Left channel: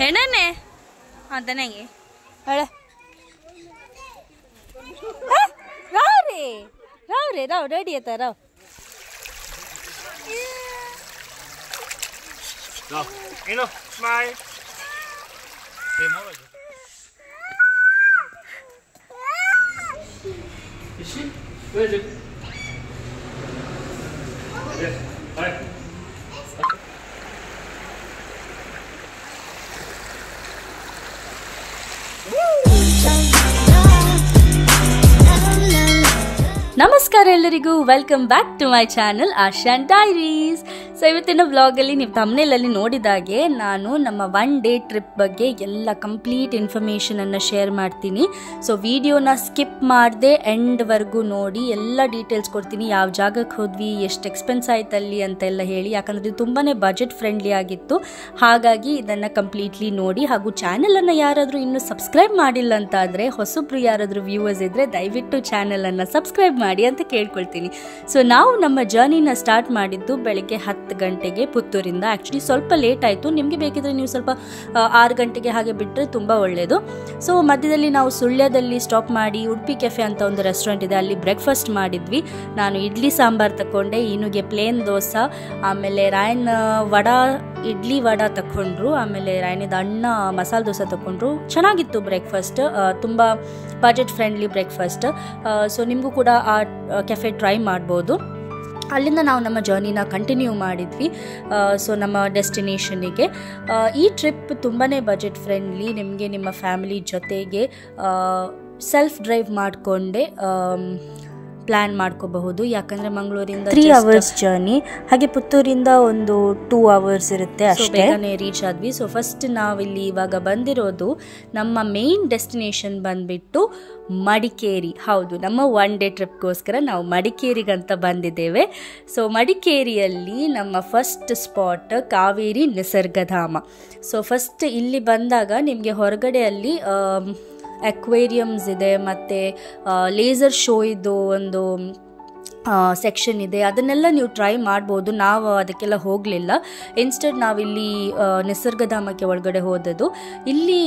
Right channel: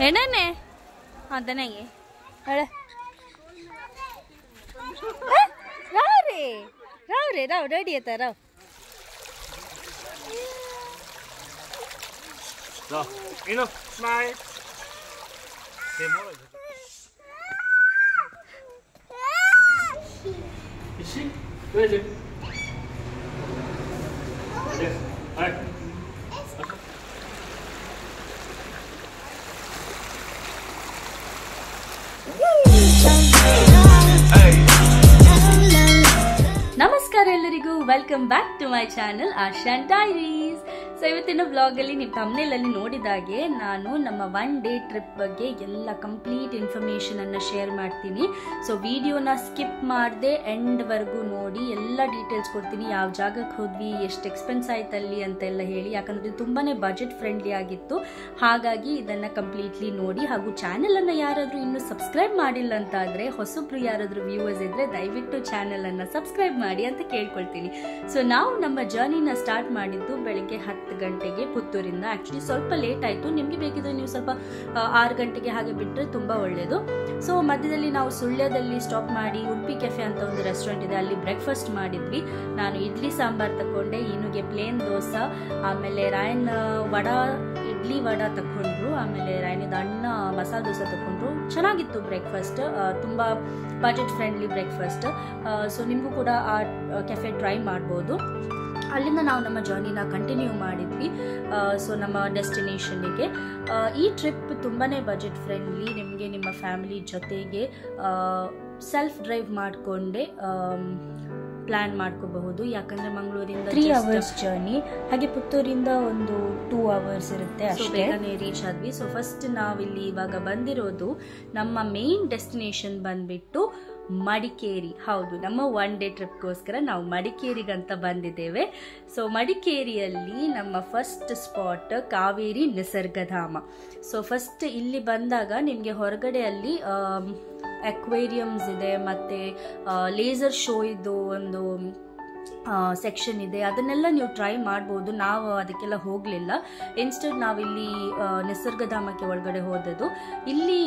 ಹೆಣ್ಣನೆ ಅದನಗೆ ಅಳ ರಾವ್ ರೆಡಿ ಆಯ್ತಾ Rao smile. Is she? Where is it? Yes. Hi. ನಮಸ್ಕಾರ ಎಲ್ಲರಿಗೂ welcome back to my channel Ashan diaries. So ಇವತ್ತಿನ ವ್ಲಾಗಲ್ಲಿ ನೀವು ಥಂಬ್ನೇಲಲ್ಲಿ ನೋಡಿದಾಗೆ ನಾನು ನಮ್ಮ 1 ಡೇ ಟ್ರಿಪ್ ಬಗ್ಗೆ ಎಲ್ಲ ಕಂಪ್ಲೀಟ್ ಇನ್ಫಾರ್ಮೇಷನನ್ನು ಶೇರ್ ಮಾಡ್ತೀನಿ. ಸೊ ವಿಡಿಯೋನ ಸ್ಕಿಪ್ ಮಾಡದೆ ಎಂಡ್ವರೆಗೂ ನೋಡಿ ಎಲ್ಲ ಡೀಟೇಲ್ಸ್ ಕೊಡ್ತೀನಿ. ಯಾವ ಜಾಗಕ್ಕೆ ಹೋದ್ವಿ, ಎಷ್ಟು ಎಕ್ಸ್ಪೆನ್ಸ್ ಆಯ್ತು ಅಲ್ಲಿ ಅಂತೆಲ್ಲ ಹೇಳಿ, ಯಾಕಂದರೆ ಇದು ತುಂಬಾ ಬಜೆಟ್ ಫ್ರೆಂಡ್ಲಿ ಆಗಿತ್ತು. ಹಾಗಾಗಿ ಇದನ್ನು ಕಂಪ್ಲೀಟ್ಲಿ ನೋಡಿ. ಹಾಗೂ ಚಾನಲನ್ನು ಯಾರಾದರೂ ಇನ್ನೂ ಸಬ್ಸ್ಕ್ರೈಬ್ ಮಾಡಿಲ್ಲ ಅಂತ ಆದರೆ, ಹೊಸಬ್ರು ಯಾರಾದರೂ ವ್ಯೂವರ್ಸ್ ಇದ್ದರೆ ದಯವಿಟ್ಟು ಚಾನಲನ್ನು ಸಬ್ಸ್ಕ್ರೈಬ್ ಮಾಡಿ ಅಂತ ಕೇಳ್ಕೊಳ್ತೀನಿ. ಸೊ ನಾವು ನಮ್ಮ ಜರ್ನಿನ ಸ್ಟಾರ್ಟ್ ಮಾಡಿದ್ದು ಬೆಳಗ್ಗೆ 10 ಗಂಟೆಗೆ ಪುತ್ತೂರಿಂದ. ಆ್ಯಕ್ಚುಲಿ ಸ್ವಲ್ಪ ಲೇಟ್ ಆಯಿತು. ನಿಮಗೆ ಬೇಕಿದ್ರೆ ನೀವು ಸ್ವಲ್ಪ 6 ಗಂಟೆಗೆ ಹಾಗೆ ಬಿಟ್ಟರೆ ತುಂಬ ಒಳ್ಳೆಯದು. ಸೊ ಮಧ್ಯದಲ್ಲಿ ನಾವು ಸುಳ್ಯದಲ್ಲಿ ಸ್ಟಾಪ್ ಮಾಡಿ ಉಡುಪಿ ಕೆಫೆ ಅಂತ ಒಂದು ರೆಸ್ಟೋರೆಂಟ್ ಇದೆ, ಅಲ್ಲಿ ಬ್ರೇಕ್ಫಾಸ್ಟ್ ಮಾಡಿದ್ವಿ. ನಾನು ಇಡ್ಲಿ ಸಾಂಬಾರು ತಗೊಂಡೆ, ಈನುಗೆ ಪ್ಲೇನ್ ದೋಸೆ, ಆಮೇಲೆ ರಾಯನ್ ಇಡ್ಲಿ ವಡಾ ತಗೊಂಡ್ರು, ಆಮೇಲೆ ರಾಯನಿದ ಅಣ್ಣ ಮಸಾಲೆ ದೋಸೆ ತಗೊಂಡ್ರು. ಚೆನ್ನಾಗಿತ್ತು ಬ್ರೇಕ್ಫಾಸ್ಟ್, ತುಂಬ ಬಜೆಟ್ ಫ್ರೆಂಡ್ಲಿ ಬ್ರೇಕ್ಫಾಸ್ಟ್. ಸೊ ನಿಮಗೂ ಕೂಡ ಆ ಕೆಫೆ ಟ್ರೈ ಮಾಡ್ಬೋದು. ಅಲ್ಲಿಂದ ನಾವು ನಮ್ಮ ಜರ್ನಿನ ಕಂಟಿನ್ಯೂ ಮಾಡಿದ್ವಿ. ಸೊ ನಮ್ಮ ಡೆಸ್ಟಿನೇಷನಿಗೆ. ಈ ಟ್ರಿಪ್ ತುಂಬಾ ಬಜೆಟ್ ಫ್ರೆಂಡ್ಲಿ. ನಿಮಗೆ ನಿಮ್ಮ ಫ್ಯಾಮಿಲಿ ಜೊತೆಗೆ ಸೆಲ್ಫ್ ಡ್ರೈವ್ ಮಾಡಿಕೊಂಡೆ ಪ್ಲ್ಯಾನ್ ಮಾಡ್ಕೋಬಹುದು. ಯಾಕಂದರೆ ಮಂಗಳೂರಿಂದ 3 ಅವರ್ಸ್ ಜರ್ನಿ, ಹಾಗೆ ಪುತ್ತೂರಿಂದ ಒಂದು 2 ಅವರ್ಸ್ ಇರುತ್ತೆ, ಅಷ್ಟೇ ಬೇಗನೆ ರೀಚ್ ಆದ್ವಿ. ಸೊ ಫಸ್ಟ್ ನಾವಿಲ್ಲಿ ಇವಾಗ ಬಂದಿರೋದು, ನಮ್ಮ ಮೇನ್ ಡೆಸ್ಟಿನೇಷನ್ ಬಂದ್ಬಿಟ್ಟು ಮಡಿಕೇರಿ. ಹೌದು, ನಮ್ಮ 1 ಡೇ ಟ್ರಿಪ್ಗೋಸ್ಕರ ನಾವು ಮಡಿಕೇರಿಗಂತ ಬಂದಿದ್ದೇವೆ. ಸೊ ಮಡಿಕೇರಿಯಲ್ಲಿ ನಮ್ಮ first spot Kaveri Nisargadhama. So first ಇಲ್ಲಿ ಬಂದಾಗ ನಿಮಗೆ ಹೊರಗಡೆಯಲ್ಲಿ ಅಕ್ವೇರಿಯಮ್ಸ್ ಇದೆ, ಮತ್ತು ಲೇಸರ್ ಶೋ ಇದ್ದು ಒಂದು ಸೆಕ್ಷನ್ ಇದೆ. ಅದನ್ನೆಲ್ಲ ನೀವು ಟ್ರೈ ಮಾಡ್ಬೋದು. ನಾವು ಅದಕ್ಕೆಲ್ಲ ಹೋಗಲಿಲ್ಲ. ಇನ್ಸ್ಟೆಡ್ ನಾವಿಲ್ಲಿ ನಿಸರ್ಗಧಾಮಕ್ಕೆ ಒಳಗಡೆ ಹೋದದ್ದು. ಇಲ್ಲಿ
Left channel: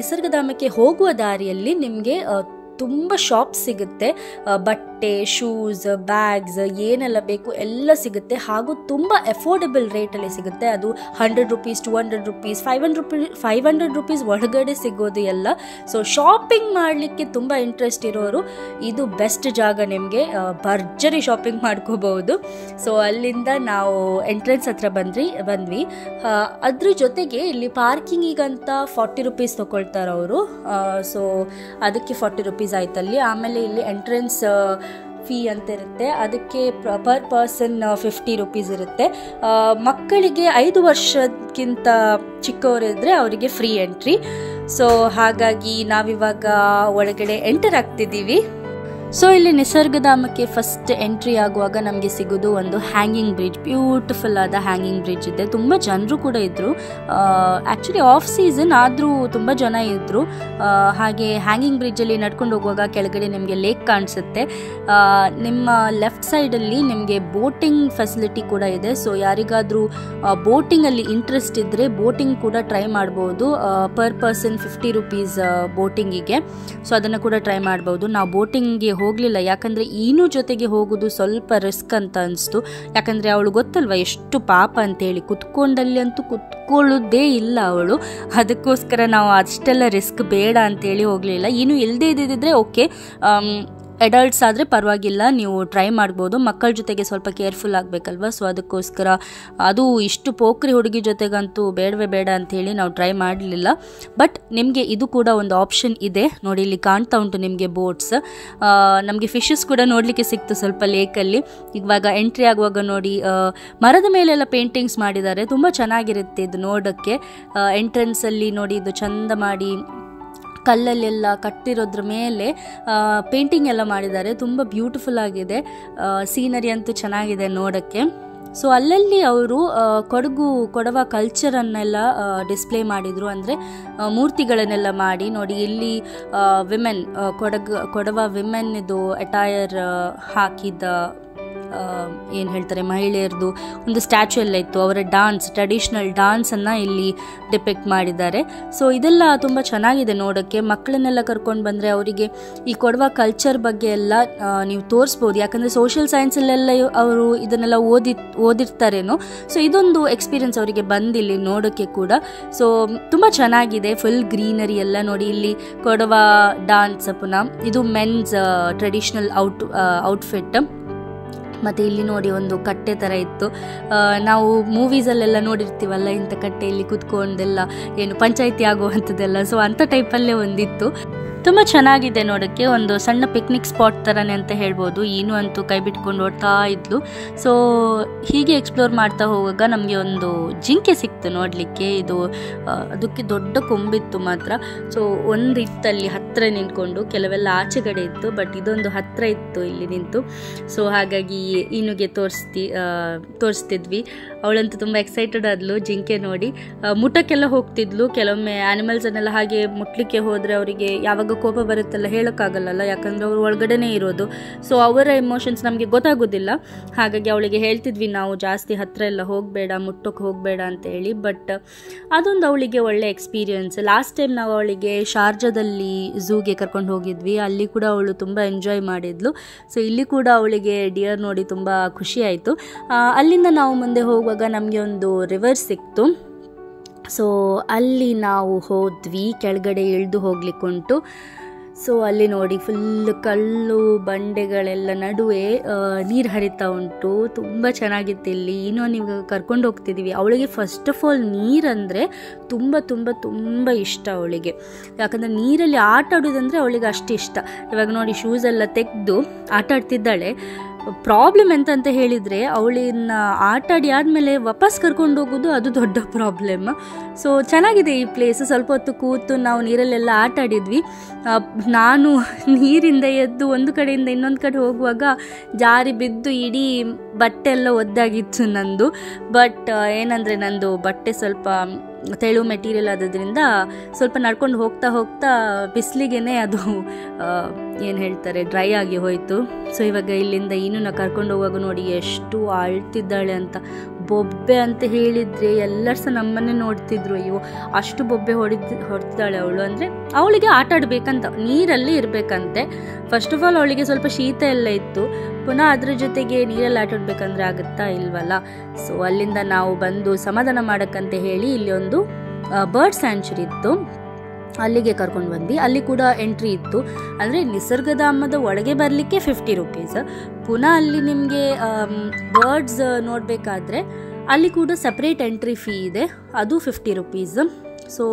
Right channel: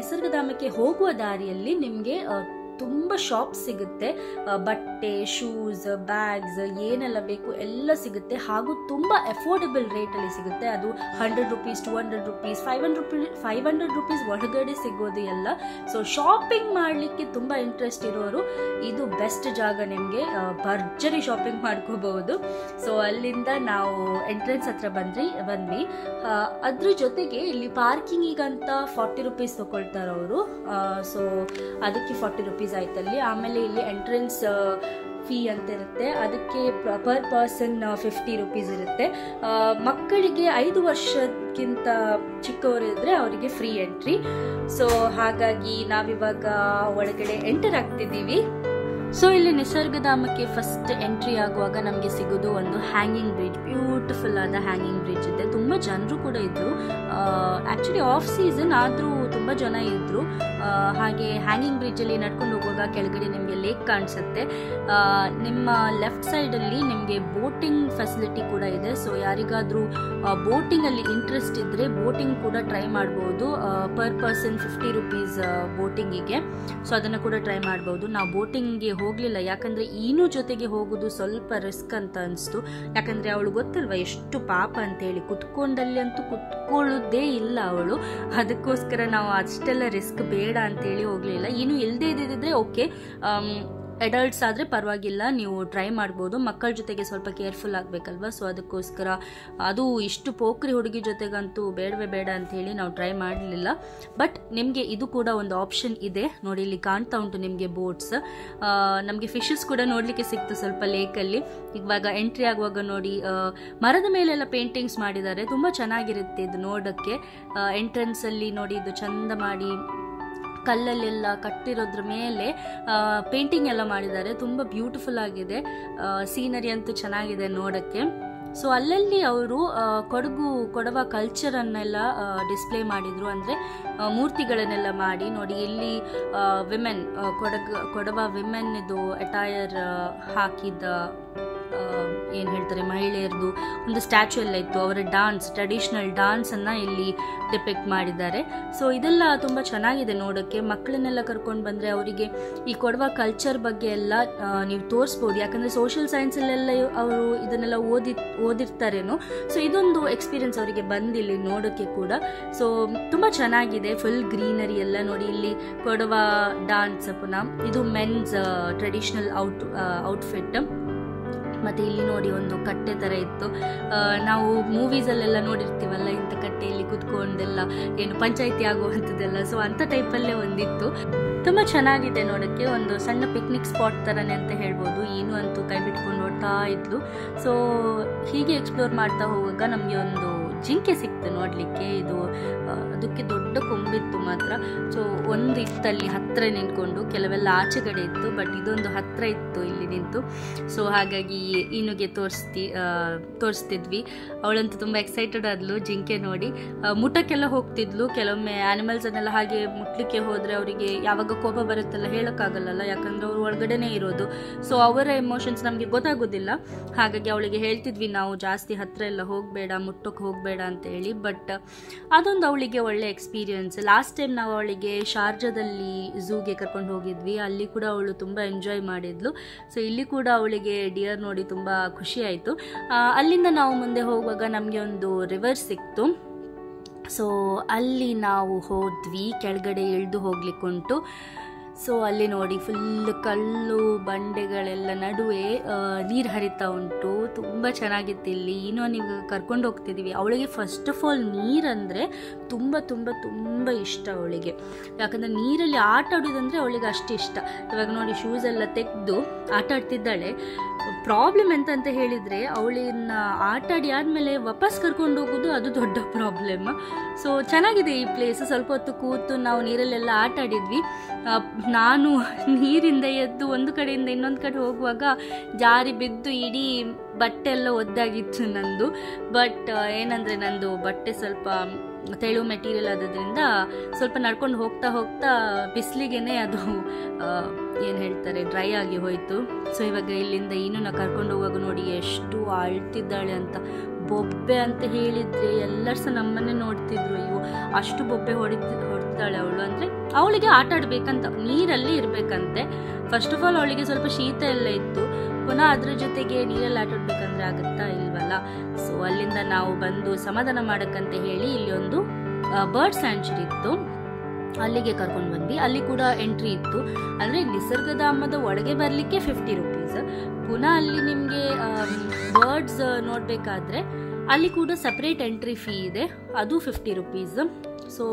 ನಿಸರ್ಗಧಾಮಕ್ಕೆ ಹೋಗುವ ದಾರಿಯಲ್ಲಿ ನಿಮಗೆ ತುಂಬ ಶಾಪ್ಸ್ ಸಿಗುತ್ತೆ. ಬಟ್ಟೆ, ಶೂಸ್, ಬ್ಯಾಗ್ಸ್ ಏನೆಲ್ಲ ಬೇಕು ಎಲ್ಲ ಸಿಗುತ್ತೆ. ಹಾಗೂ ತುಂಬ ಅಫೋರ್ಡೆಬಲ್ ರೇಟಲ್ಲಿ ಸಿಗುತ್ತೆ. ಅದು 100 ರೂಪೀಸ್, 200 ರೂಪೀಸ್, 500 ರೂಪೀಸ್ ಒಳಗಡೆ ಸಿಗೋದು ಎಲ್ಲ. ಸೊ ಶಾಪಿಂಗ್ ಮಾಡಲಿಕ್ಕೆ ತುಂಬ ಇಂಟ್ರೆಸ್ಟ್ ಇರೋರು ಇದು ಬೆಸ್ಟ್ ಜಾಗ. ನಿಮಗೆ ಭರ್ಜರಿ ಶಾಪಿಂಗ್ ಮಾಡ್ಕೋಬಹುದು. ಸೊ ಅಲ್ಲಿಂದ ನಾವು ಎಂಟ್ರೆನ್ಸ್ ಹತ್ರ ಬಂದ್ವಿ. ಅದ್ರ ಜೊತೆಗೆ ಇಲ್ಲಿ ಪಾರ್ಕಿಂಗಿಗಂತ 40 ರೂಪೀಸ್ ತೊಗೊಳ್ತಾರೆ ಅವರು. ಸೊ ಅದಕ್ಕೆ 40 ರೂಪೀಸ್ ಆಯ್ತಲ್ಲಿ. ಆಮೇಲೆ ಇಲ್ಲಿ ಎಂಟ್ರೆನ್ಸ್ ಫೀ ಅಂತ ಇರುತ್ತೆ, ಅದಕ್ಕೆ ಪರ್ ಪರ್ಸನ್ 50 ರೂಪೀಸ್ ಇರುತ್ತೆ. ಮಕ್ಕಳಿಗೆ 5 ವರ್ಷಕ್ಕಿಂತ ಚಿಕ್ಕವರಿದ್ದರೆ ಅವರಿಗೆ ಫ್ರೀ ಎಂಟ್ರಿ. ಸೊ ಹಾಗಾಗಿ ನಾವಿವಾಗ ಒಳಗಡೆ ಎಂಟರ್ ಆಗ್ತಿದ್ದೀವಿ. ಸೊ ಇಲ್ಲಿ ನಿಸರ್ಗಧಾಮಕ್ಕೆ ಫಸ್ಟ್ ಎಂಟ್ರಿ ಆಗುವಾಗ ನಮಗೆ ಸಿಗೋದು ಒಂದು ಹ್ಯಾಂಗಿಂಗ್ ಬ್ರಿಡ್ಜ್. ಬ್ಯೂಟಿಫುಲ್ ಆದ ಹ್ಯಾಂಗಿಂಗ್ ಬ್ರಿಡ್ಜ್ ಇದೆ. ತುಂಬ ಜನರು ಕೂಡ ಇದ್ದರು. ಆ್ಯಕ್ಚುಲಿ ಆಫ್ ಸೀಸನ್ ಆದರೂ ತುಂಬ ಜನ ಇದ್ದರು. ಹಾಗೆ ಹ್ಯಾಂಗಿಂಗ್ ಬ್ರಿಡ್ಜಲ್ಲಿ ನಡ್ಕೊಂಡು ಹೋಗುವಾಗ ಕೆಳಗಡೆ ನಿಮಗೆ ಲೇಕ್ ಕಾಣಿಸುತ್ತೆ. ನಿಮ್ಮ ಲೆಫ್ಟ್ ಸೈಡಲ್ಲಿ ನಿಮಗೆ ಬೋಟಿಂಗ್ ಫೆಸಿಲಿಟಿ ಕೂಡ ಇದೆ. ಸೊ ಯಾರಿಗಾದರೂ ಬೋಟಿಂಗಲ್ಲಿ ಇಂಟ್ರೆಸ್ಟ್ ಇದ್ದರೆ ಬೋಟಿಂಗ್ ಕೂಡ ಟ್ರೈ ಮಾಡ್ಬೋದು. ಪರ್ ಪರ್ಸನ್ 50 ರೂಪೀಸ್ ಬೋಟಿಂಗಿಗೆ. ಸೊ ಅದನ್ನು ಕೂಡ ಟ್ರೈ ಮಾಡ್ಬೋದು. ನಾವು ಬೋಟಿಂಗ್ಗೆ ಹೋಗಲಿಲ್ಲ, ಯಾಕಂದರೆ ಈನು ಜೊತೆಗೆ ಹೋಗೋದು ಸ್ವಲ್ಪ ರಿಸ್ಕ್ ಅಂತ ಅನಿಸ್ತು. ಯಾಕಂದರೆ ಅವಳು ಗೊತ್ತಲ್ವ ಎಷ್ಟು ಪಾಪ ಅಂತೇಳಿ, ಕುತ್ಕೊಂಡಲ್ಲಿ ಅಂತೂ ಕುತ್ಕೊಳ್ಳೋದೇ ಇಲ್ಲ ಅವಳು. ಅದಕ್ಕೋಸ್ಕರ ನಾವು ಅಷ್ಟೆಲ್ಲ ರಿಸ್ಕ್ ಬೇಡ ಅಂತೇಳಿ ಹೋಗಲಿಲ್ಲ. ಈನು ಇಲ್ಲದೇ ಇದ್ದಿದ್ರೆ ಓಕೆ, ಅಡಲ್ಟ್ಸ್ ಆದರೆ ಪರವಾಗಿಲ್ಲ, ನೀವು ಟ್ರೈ ಮಾಡ್ಬೋದು. ಮಕ್ಕಳ ಜೊತೆಗೆ ಸ್ವಲ್ಪ ಕೇರ್ಫುಲ್ ಆಗಬೇಕಲ್ವ. ಸೊ ಅದಕ್ಕೋಸ್ಕರ ಅದು ಇಷ್ಟು ಪೋಖ್ರಿ ಹುಡುಗಿ ಜೊತೆಗಂತೂ ಬೇಡವೇ ಬೇಡ ಅಂಥೇಳಿ ನಾವು ಟ್ರೈ ಮಾಡಲಿಲ್ಲ. ಬಟ್ ನಿಮಗೆ ಇದು ಕೂಡ ಒಂದು ಆಪ್ಷನ್ ಇದೆ ನೋಡಿ. ಇಲ್ಲಿ ಕಾಣ್ತಾ ಉಂಟು ನಿಮಗೆ ಬೋಟ್ಸ್. ನಮಗೆ ಫಿಶಸ್ ಕೂಡ ನೋಡಲಿಕ್ಕೆ ಸಿಕ್ತು ಸ್ವಲ್ಪ ಲೇಕಲ್ಲಿ. ಇವಾಗ ಎಂಟ್ರಿ ಆಗುವಾಗ ನೋಡಿ, ಮರದ ಮೇಲೆಲ್ಲ ಪೇಂಟಿಂಗ್ಸ್ ಮಾಡಿದ್ದಾರೆ. ತುಂಬ ಚೆನ್ನಾಗಿರುತ್ತೆ ಇದು ನೋಡೋಕ್ಕೆ. ಎಂಟ್ರೆನ್ಸಲ್ಲಿ ನೋಡಿ, ಇದು ಚಂದ ಮಾಡಿ ಕಲ್ಲಲ್ಲೆಲ್ಲ ಕಟ್ಟಿರೋದ್ರ ಮೇಲೆ ಪೇಂಟಿಂಗ್ ಎಲ್ಲ ಮಾಡಿದ್ದಾರೆ. ತುಂಬ ಬ್ಯೂಟಿಫುಲ್ ಆಗಿದೆ. ಸೀನರಿ ಅಂತೂ ಚೆನ್ನಾಗಿದೆ ನೋಡೋಕ್ಕೆ. ಸೊ ಅಲ್ಲಲ್ಲಿ ಅವರು ಕೊಡವ ಕಲ್ಚರನ್ನೆಲ್ಲ ಡಿಸ್ಪ್ಲೇ ಮಾಡಿದರು. ಅಂದರೆ ಮೂರ್ತಿಗಳನ್ನೆಲ್ಲ ಮಾಡಿ ನೋಡಿ. ಇಲ್ಲಿ ವಿಮೆನ್ ಕೊಡವ ವಿಮೆನ್ ಇದು ಅಟೈರ್ ಹಾಕಿದ್ದ ಏನು ಹೇಳ್ತಾರೆ ಮಹಿಳೆಯರದು ಒಂದು ಸ್ಟ್ಯಾಚ್ಯೂ ಎಲ್ಲ ಇತ್ತು. ಅವರ ಟ್ರೆಡಿಷ್ನಲ್ ಡಾನ್ಸನ್ನು ಇಲ್ಲಿ ಡಿಪೆಕ್ಟ್ ಮಾಡಿದ್ದಾರೆ. ಸೊ ಇದೆಲ್ಲ ತುಂಬ ಚೆನ್ನಾಗಿದೆ ನೋಡೋಕ್ಕೆ. ಮಕ್ಕಳನ್ನೆಲ್ಲ ಕರ್ಕೊಂಡು ಬಂದರೆ ಅವರಿಗೆ ಈ ಕೊಡವ ಕಲ್ಚರ್ ಬಗ್ಗೆ ಎಲ್ಲ ನೀವು ತೋರಿಸ್ಬೋದು. ಯಾಕಂದರೆ ಸೋಷಿಯಲ್ ಸೈನ್ಸಲ್ಲೆಲ್ಲ ಅವರು ಇದನ್ನೆಲ್ಲ ಓದಿರ್ತಾರೇನೋ. ಸೊ ಇದೊಂದು ಎಕ್ಸ್ಪೀರಿಯನ್ಸ್ ಅವರಿಗೆ ಬಂದಿಲ್ಲಿ ನೋಡೋಕ್ಕೆ ಕೂಡ. ಸೊ ತುಂಬ ಚೆನ್ನಾಗಿದೆ, ಫುಲ್ ಗ್ರೀನರಿ ಎಲ್ಲ ನೋಡಿ. ಇಲ್ಲಿ ಕೊಡವ ಡಾನ್ಸ್ ಪುನಃ ಇದು ಮೆನ್ಸ್ ಟ್ರೆಡಿಷ್ನಲ್ ಔಟ್ಫಿಟ್. ಮತ್ತು ಇಲ್ಲಿ ನೋಡಿ ಒಂದು ಕಟ್ಟೆ ಥರ ಇತ್ತು. ನಾವು ಮೂವೀಸಲ್ಲೆಲ್ಲ ನೋಡಿರ್ತೀವಲ್ಲ ಇಂಥ ಕಟ್ಟೆಯಲ್ಲಿ ಕುತ್ಕೊಂಡೆಲ್ಲ ಏನು ಪಂಚಾಯಿತಿ ಆಗುವಂಥದ್ದೆಲ್ಲ. ಸೊ ಅಂಥ ಟೈಪಲ್ಲೇ ಒಂದಿತ್ತು. ತುಂಬ ಚೆನ್ನಾಗಿದೆ ನೋಡೋಕ್ಕೆ. ಒಂದು ಸಣ್ಣ ಪಿಕ್ನಿಕ್ ಸ್ಪಾಟ್ ಥರನೇ ಅಂತ ಹೇಳ್ಬೋದು. ಏನು ಅಂತೂ ಕೈ ಬಿಟ್ಕೊಂಡು ಓಡ್ತಾ ಇದ್ಲು. ಸೊ ಹೀಗೆ ಎಕ್ಸ್ಪ್ಲೋರ್ ಮಾಡ್ತಾ ಹೋಗುವಾಗ ನಮಗೆ ಒಂದು ಜಿಂಕೆ ಸಿಕ್ತು ನೋಡಲಿಕ್ಕೆ. ಇದು ಅದಕ್ಕೆ ದೊಡ್ಡ ಕೊಂಬಿತ್ತು ಮಾತ್ರ. ಸೊ ಒಂದು ಇತ್ತಲ್ಲಿ ಹತ್ತಿರ ನಿಂತ್ಕೊಂಡು, ಕೆಲವೆಲ್ಲ ಆಚೆಗಡೆ ಇತ್ತು, ಬಟ್ ಇದೊಂದು ಹತ್ತಿರ ಇತ್ತು ಇಲ್ಲಿ ನಿಂತು. ಸೊ ಹಾಗಾಗಿ ಇನ್ನುಗೆ ತೋರಿಸ್ತಿದ್ವಿ. ಅವಳಂತೂ ತುಂಬ ಎಕ್ಸೈಟೆಡ್ ಆದ್ಲು ಜಿಂಕೆ ನೋಡಿ. ಮುಟ್ಟಕ್ಕೆಲ್ಲ ಹೋಗ್ತಿದ್ಲು. ಕೆಲವೊಮ್ಮೆ ಆ್ಯನಿಮಲ್ಸನ್ನೆಲ್ಲ ಹಾಗೆ ಮುಟ್ಲಿಕ್ಕೆ ಹೋದರೆ ಅವರಿಗೆ ಯಾವಾಗ ಕೋಪ ಬರುತ್ತಲ್ಲ ಹೇಳೋಕ್ಕಾಗಲ್ಲ, ಯಾಕಂದರೆ ಅವರು ಒಳಗಡೆನೇ ಇರೋದು. ಸೊ ಅವರ ಎಮೋಷನ್ಸ್ ನಮಗೆ ಗೊತ್ತಾಗೋದಿಲ್ಲ. ಹಾಗಾಗಿ ಅವಳಿಗೆ ಹೇಳ್ತಿದ್ವಿ ನಾವು ಜಾಸ್ತಿ ಹತ್ತಿರ ಎಲ್ಲ ಹೋಗಬೇಡ, ಮುಟ್ಟೋಕ್ಕೆ ಹೋಗಬೇಡ ಅಂತ ಹೇಳಿ. ಬಟ್ ಅದೊಂದು ಅವಳಿಗೆ ಒಳ್ಳೆ ಎಕ್ಸ್ಪೀರಿಯನ್ಸ್. ಲಾಸ್ಟ್ ಟೈಮ್ ನಾವು ಅವಳಿಗೆ ಶಾರ್ಜಾದಲ್ಲಿ ಝೂಗೆ ಕರ್ಕೊಂಡು ಹೋಗಿದ್ವಿ. ಅಲ್ಲಿ ಕೂಡ ಅವಳು ತುಂಬ ಎಂಜಾಯ್ ಮಾಡಿದ್ಲು. ಸೊ ಇಲ್ಲಿ ಕೂಡ ಅವಳಿಗೆ ಡಿಯರ್ ನೋಡಿ ತುಂಬ ಖುಷಿ ಆಯಿತು. ಅಲ್ಲಿಂದ ನಾವು ಮುಂದೆ ಹೋಗುವಾಗ ನಮಗೆ ಒಂದು ರಿವರ್ ಸಿಕ್ತು. ಸೊ ಅಲ್ಲಿ ನಾವು ಹೋದ್ವಿ, ಕೆಳಗಡೆ ಇಳಿದು ಹೋಗ್ಲಿಕ್ಕುಂಟು. ಸೊ ಅಲ್ಲಿ ನೋಡಿ ಫುಲ್ ಕಲ್ಲು ಬಂಡೆಗಳೆಲ್ಲ ನಡುವೆ ನೀರು ಹರಿತಾ ಉಂಟು. ತುಂಬ ಚೆನ್ನಾಗಿತ್ತು ಇಲ್ಲಿ. ಇನ್ನೂ ನೀವು ಕರ್ಕೊಂಡು ಹೋಗ್ತಿದ್ದೀವಿ. ಅವಳಿಗೆ ಫಸ್ಟ್ ಆಫ್ ಆಲ್ ನೀರಂದರೆ ತುಂಬ ತುಂಬ ತುಂಬ ಇಷ್ಟ ಅವಳಿಗೆ. ಯಾಕಂದರೆ ನೀರಲ್ಲಿ ಆಟ ಆಡೋದಂದರೆ ಅವಳಿಗೆ ಅಷ್ಟು ಇಷ್ಟ. ಇವಾಗ ನೋಡಿ ಶೂಸೆಲ್ಲ ತೆಗೆದು ಆಟ ಆಡ್ತಿದ್ದಾಳೆ. ಪ್ರಾಬ್ಲಮ್ ಎಂತ ಹೇಳಿದರೆ ಅವಳನ್ನ ಆಟಾಡಿ ಆದಮೇಲೆ ವಾಪಸ್ ಕರ್ಕೊಂಡು ಹೋಗೋದು, ಅದು ದೊಡ್ಡ ಪ್ರಾಬ್ಲಮ್. ಸೊ ಚೆನ್ನಾಗಿದೆ ಈ ಪ್ಲೇಸ್. ಸ್ವಲ್ಪ ಹೊತ್ತು ಕೂತು ನಾವು ನೀರಲ್ಲೆಲ್ಲ ಆಟ ಆಡಿದ್ವಿ. ನಾನು ನೀರಿಂದ ಎದ್ದು ಒಂದು ಕಡೆಯಿಂದ ಇನ್ನೊಂದು ಕಡೆ ಹೋಗುವಾಗ ಜಾರಿ ಬಿದ್ದು ಇಡೀ ಬಟ್ಟೆ ಎಲ್ಲ ಒದ್ದಾಗಿತ್ತು ನಂದು. ಬಟ್ ಏನಂದರೆ ನಂದು ಬಟ್ಟೆ ಸ್ವಲ್ಪ ತೆಳು ಮೆಟೀರಿಯಲ್ ಆಗೋದ್ರಿಂದ ಸ್ವಲ್ಪ ನಡ್ಕೊಂಡು ಹೋಗ್ತಾ ಹೋಗ್ತಾ ಬಿಸಿಲಿಗೆ ಅದು ಏನು ಹೇಳ್ತಾರೆ ಡ್ರೈ ಆಗಿ ಹೋಯಿತು. ಸೊ ಇವಾಗ ಇಲ್ಲಿಂದ ಇನ್ನೂ ಕರ್ಕೊಂಡು ಹೋಗುವಾಗ ನೋಡಿ ಎಷ್ಟು ಅಳ್ತಿದ್ದಾಳೆ ಅಂತ. ಬೊಬ್ಬೆ ಅಂತ ಹೇಳಿದರೆ ಎಲ್ಲರೂ ಸಹ ನಮ್ಮನ್ನೇ ನೋಡ್ತಿದ್ರು. ಅಯ್ಯೋ ಅಷ್ಟು ಬೊಬ್ಬೆ ಹೊಡ್ತಿದ್ದಾಳೆ ಅವಳು. ಅಂದರೆ ಅವಳಿಗೆ ಆಟ ಆಡಬೇಕಂತ, ನೀರಲ್ಲಿ ಇರಬೇಕಂತೆ. ಫಸ್ಟ್ ಆಫ್ ಆಲ್ ಅವಳಿಗೆ ಸ್ವಲ್ಪ ಶೀತ ಎಲ್ಲ ಇತ್ತು. ಪುನಃ ಅದ್ರ ಜೊತೆಗೆ ನೀರಲ್ಲಿ ಆಟ ಆಡಬೇಕಂದ್ರೆ ಆಗುತ್ತಾ ಇಲ್ವಲ್ಲ. ಸೊ ಅಲ್ಲಿಂದ ನಾವು ಬಂದು ಸಮಾಧಾನ ಮಾಡೋಕ್ಕಂತ ಹೇಳಿ ಇಲ್ಲಿ ಒಂದು ಬರ್ಡ್ ಸ್ಯಾಂಚುರಿ ಇತ್ತು, ಅಲ್ಲಿಗೆ ಕರ್ಕೊಂಡು ಬಂದ್ವಿ. ಅಲ್ಲಿ ಕೂಡ ಎಂಟ್ರಿ ಇತ್ತು. ಅಂದರೆ ನಿಸರ್ಗಧಾಮದ ಒಳಗೆ ಬರಲಿಕ್ಕೆ 50 ರೂಪೀಸ್. ಪುನಃ ಅಲ್ಲಿ ನಿಮಗೆ ಬರ್ಡ್ಸ್ ನೋಡಬೇಕಾದ್ರೆ ಅಲ್ಲಿ ಕೂಡ ಸಪ್ರೇಟ್ ಎಂಟ್ರಿ ಫೀ ಇದೆ, ಅದು 50 ರೂಪೀಸ್. ಸೊ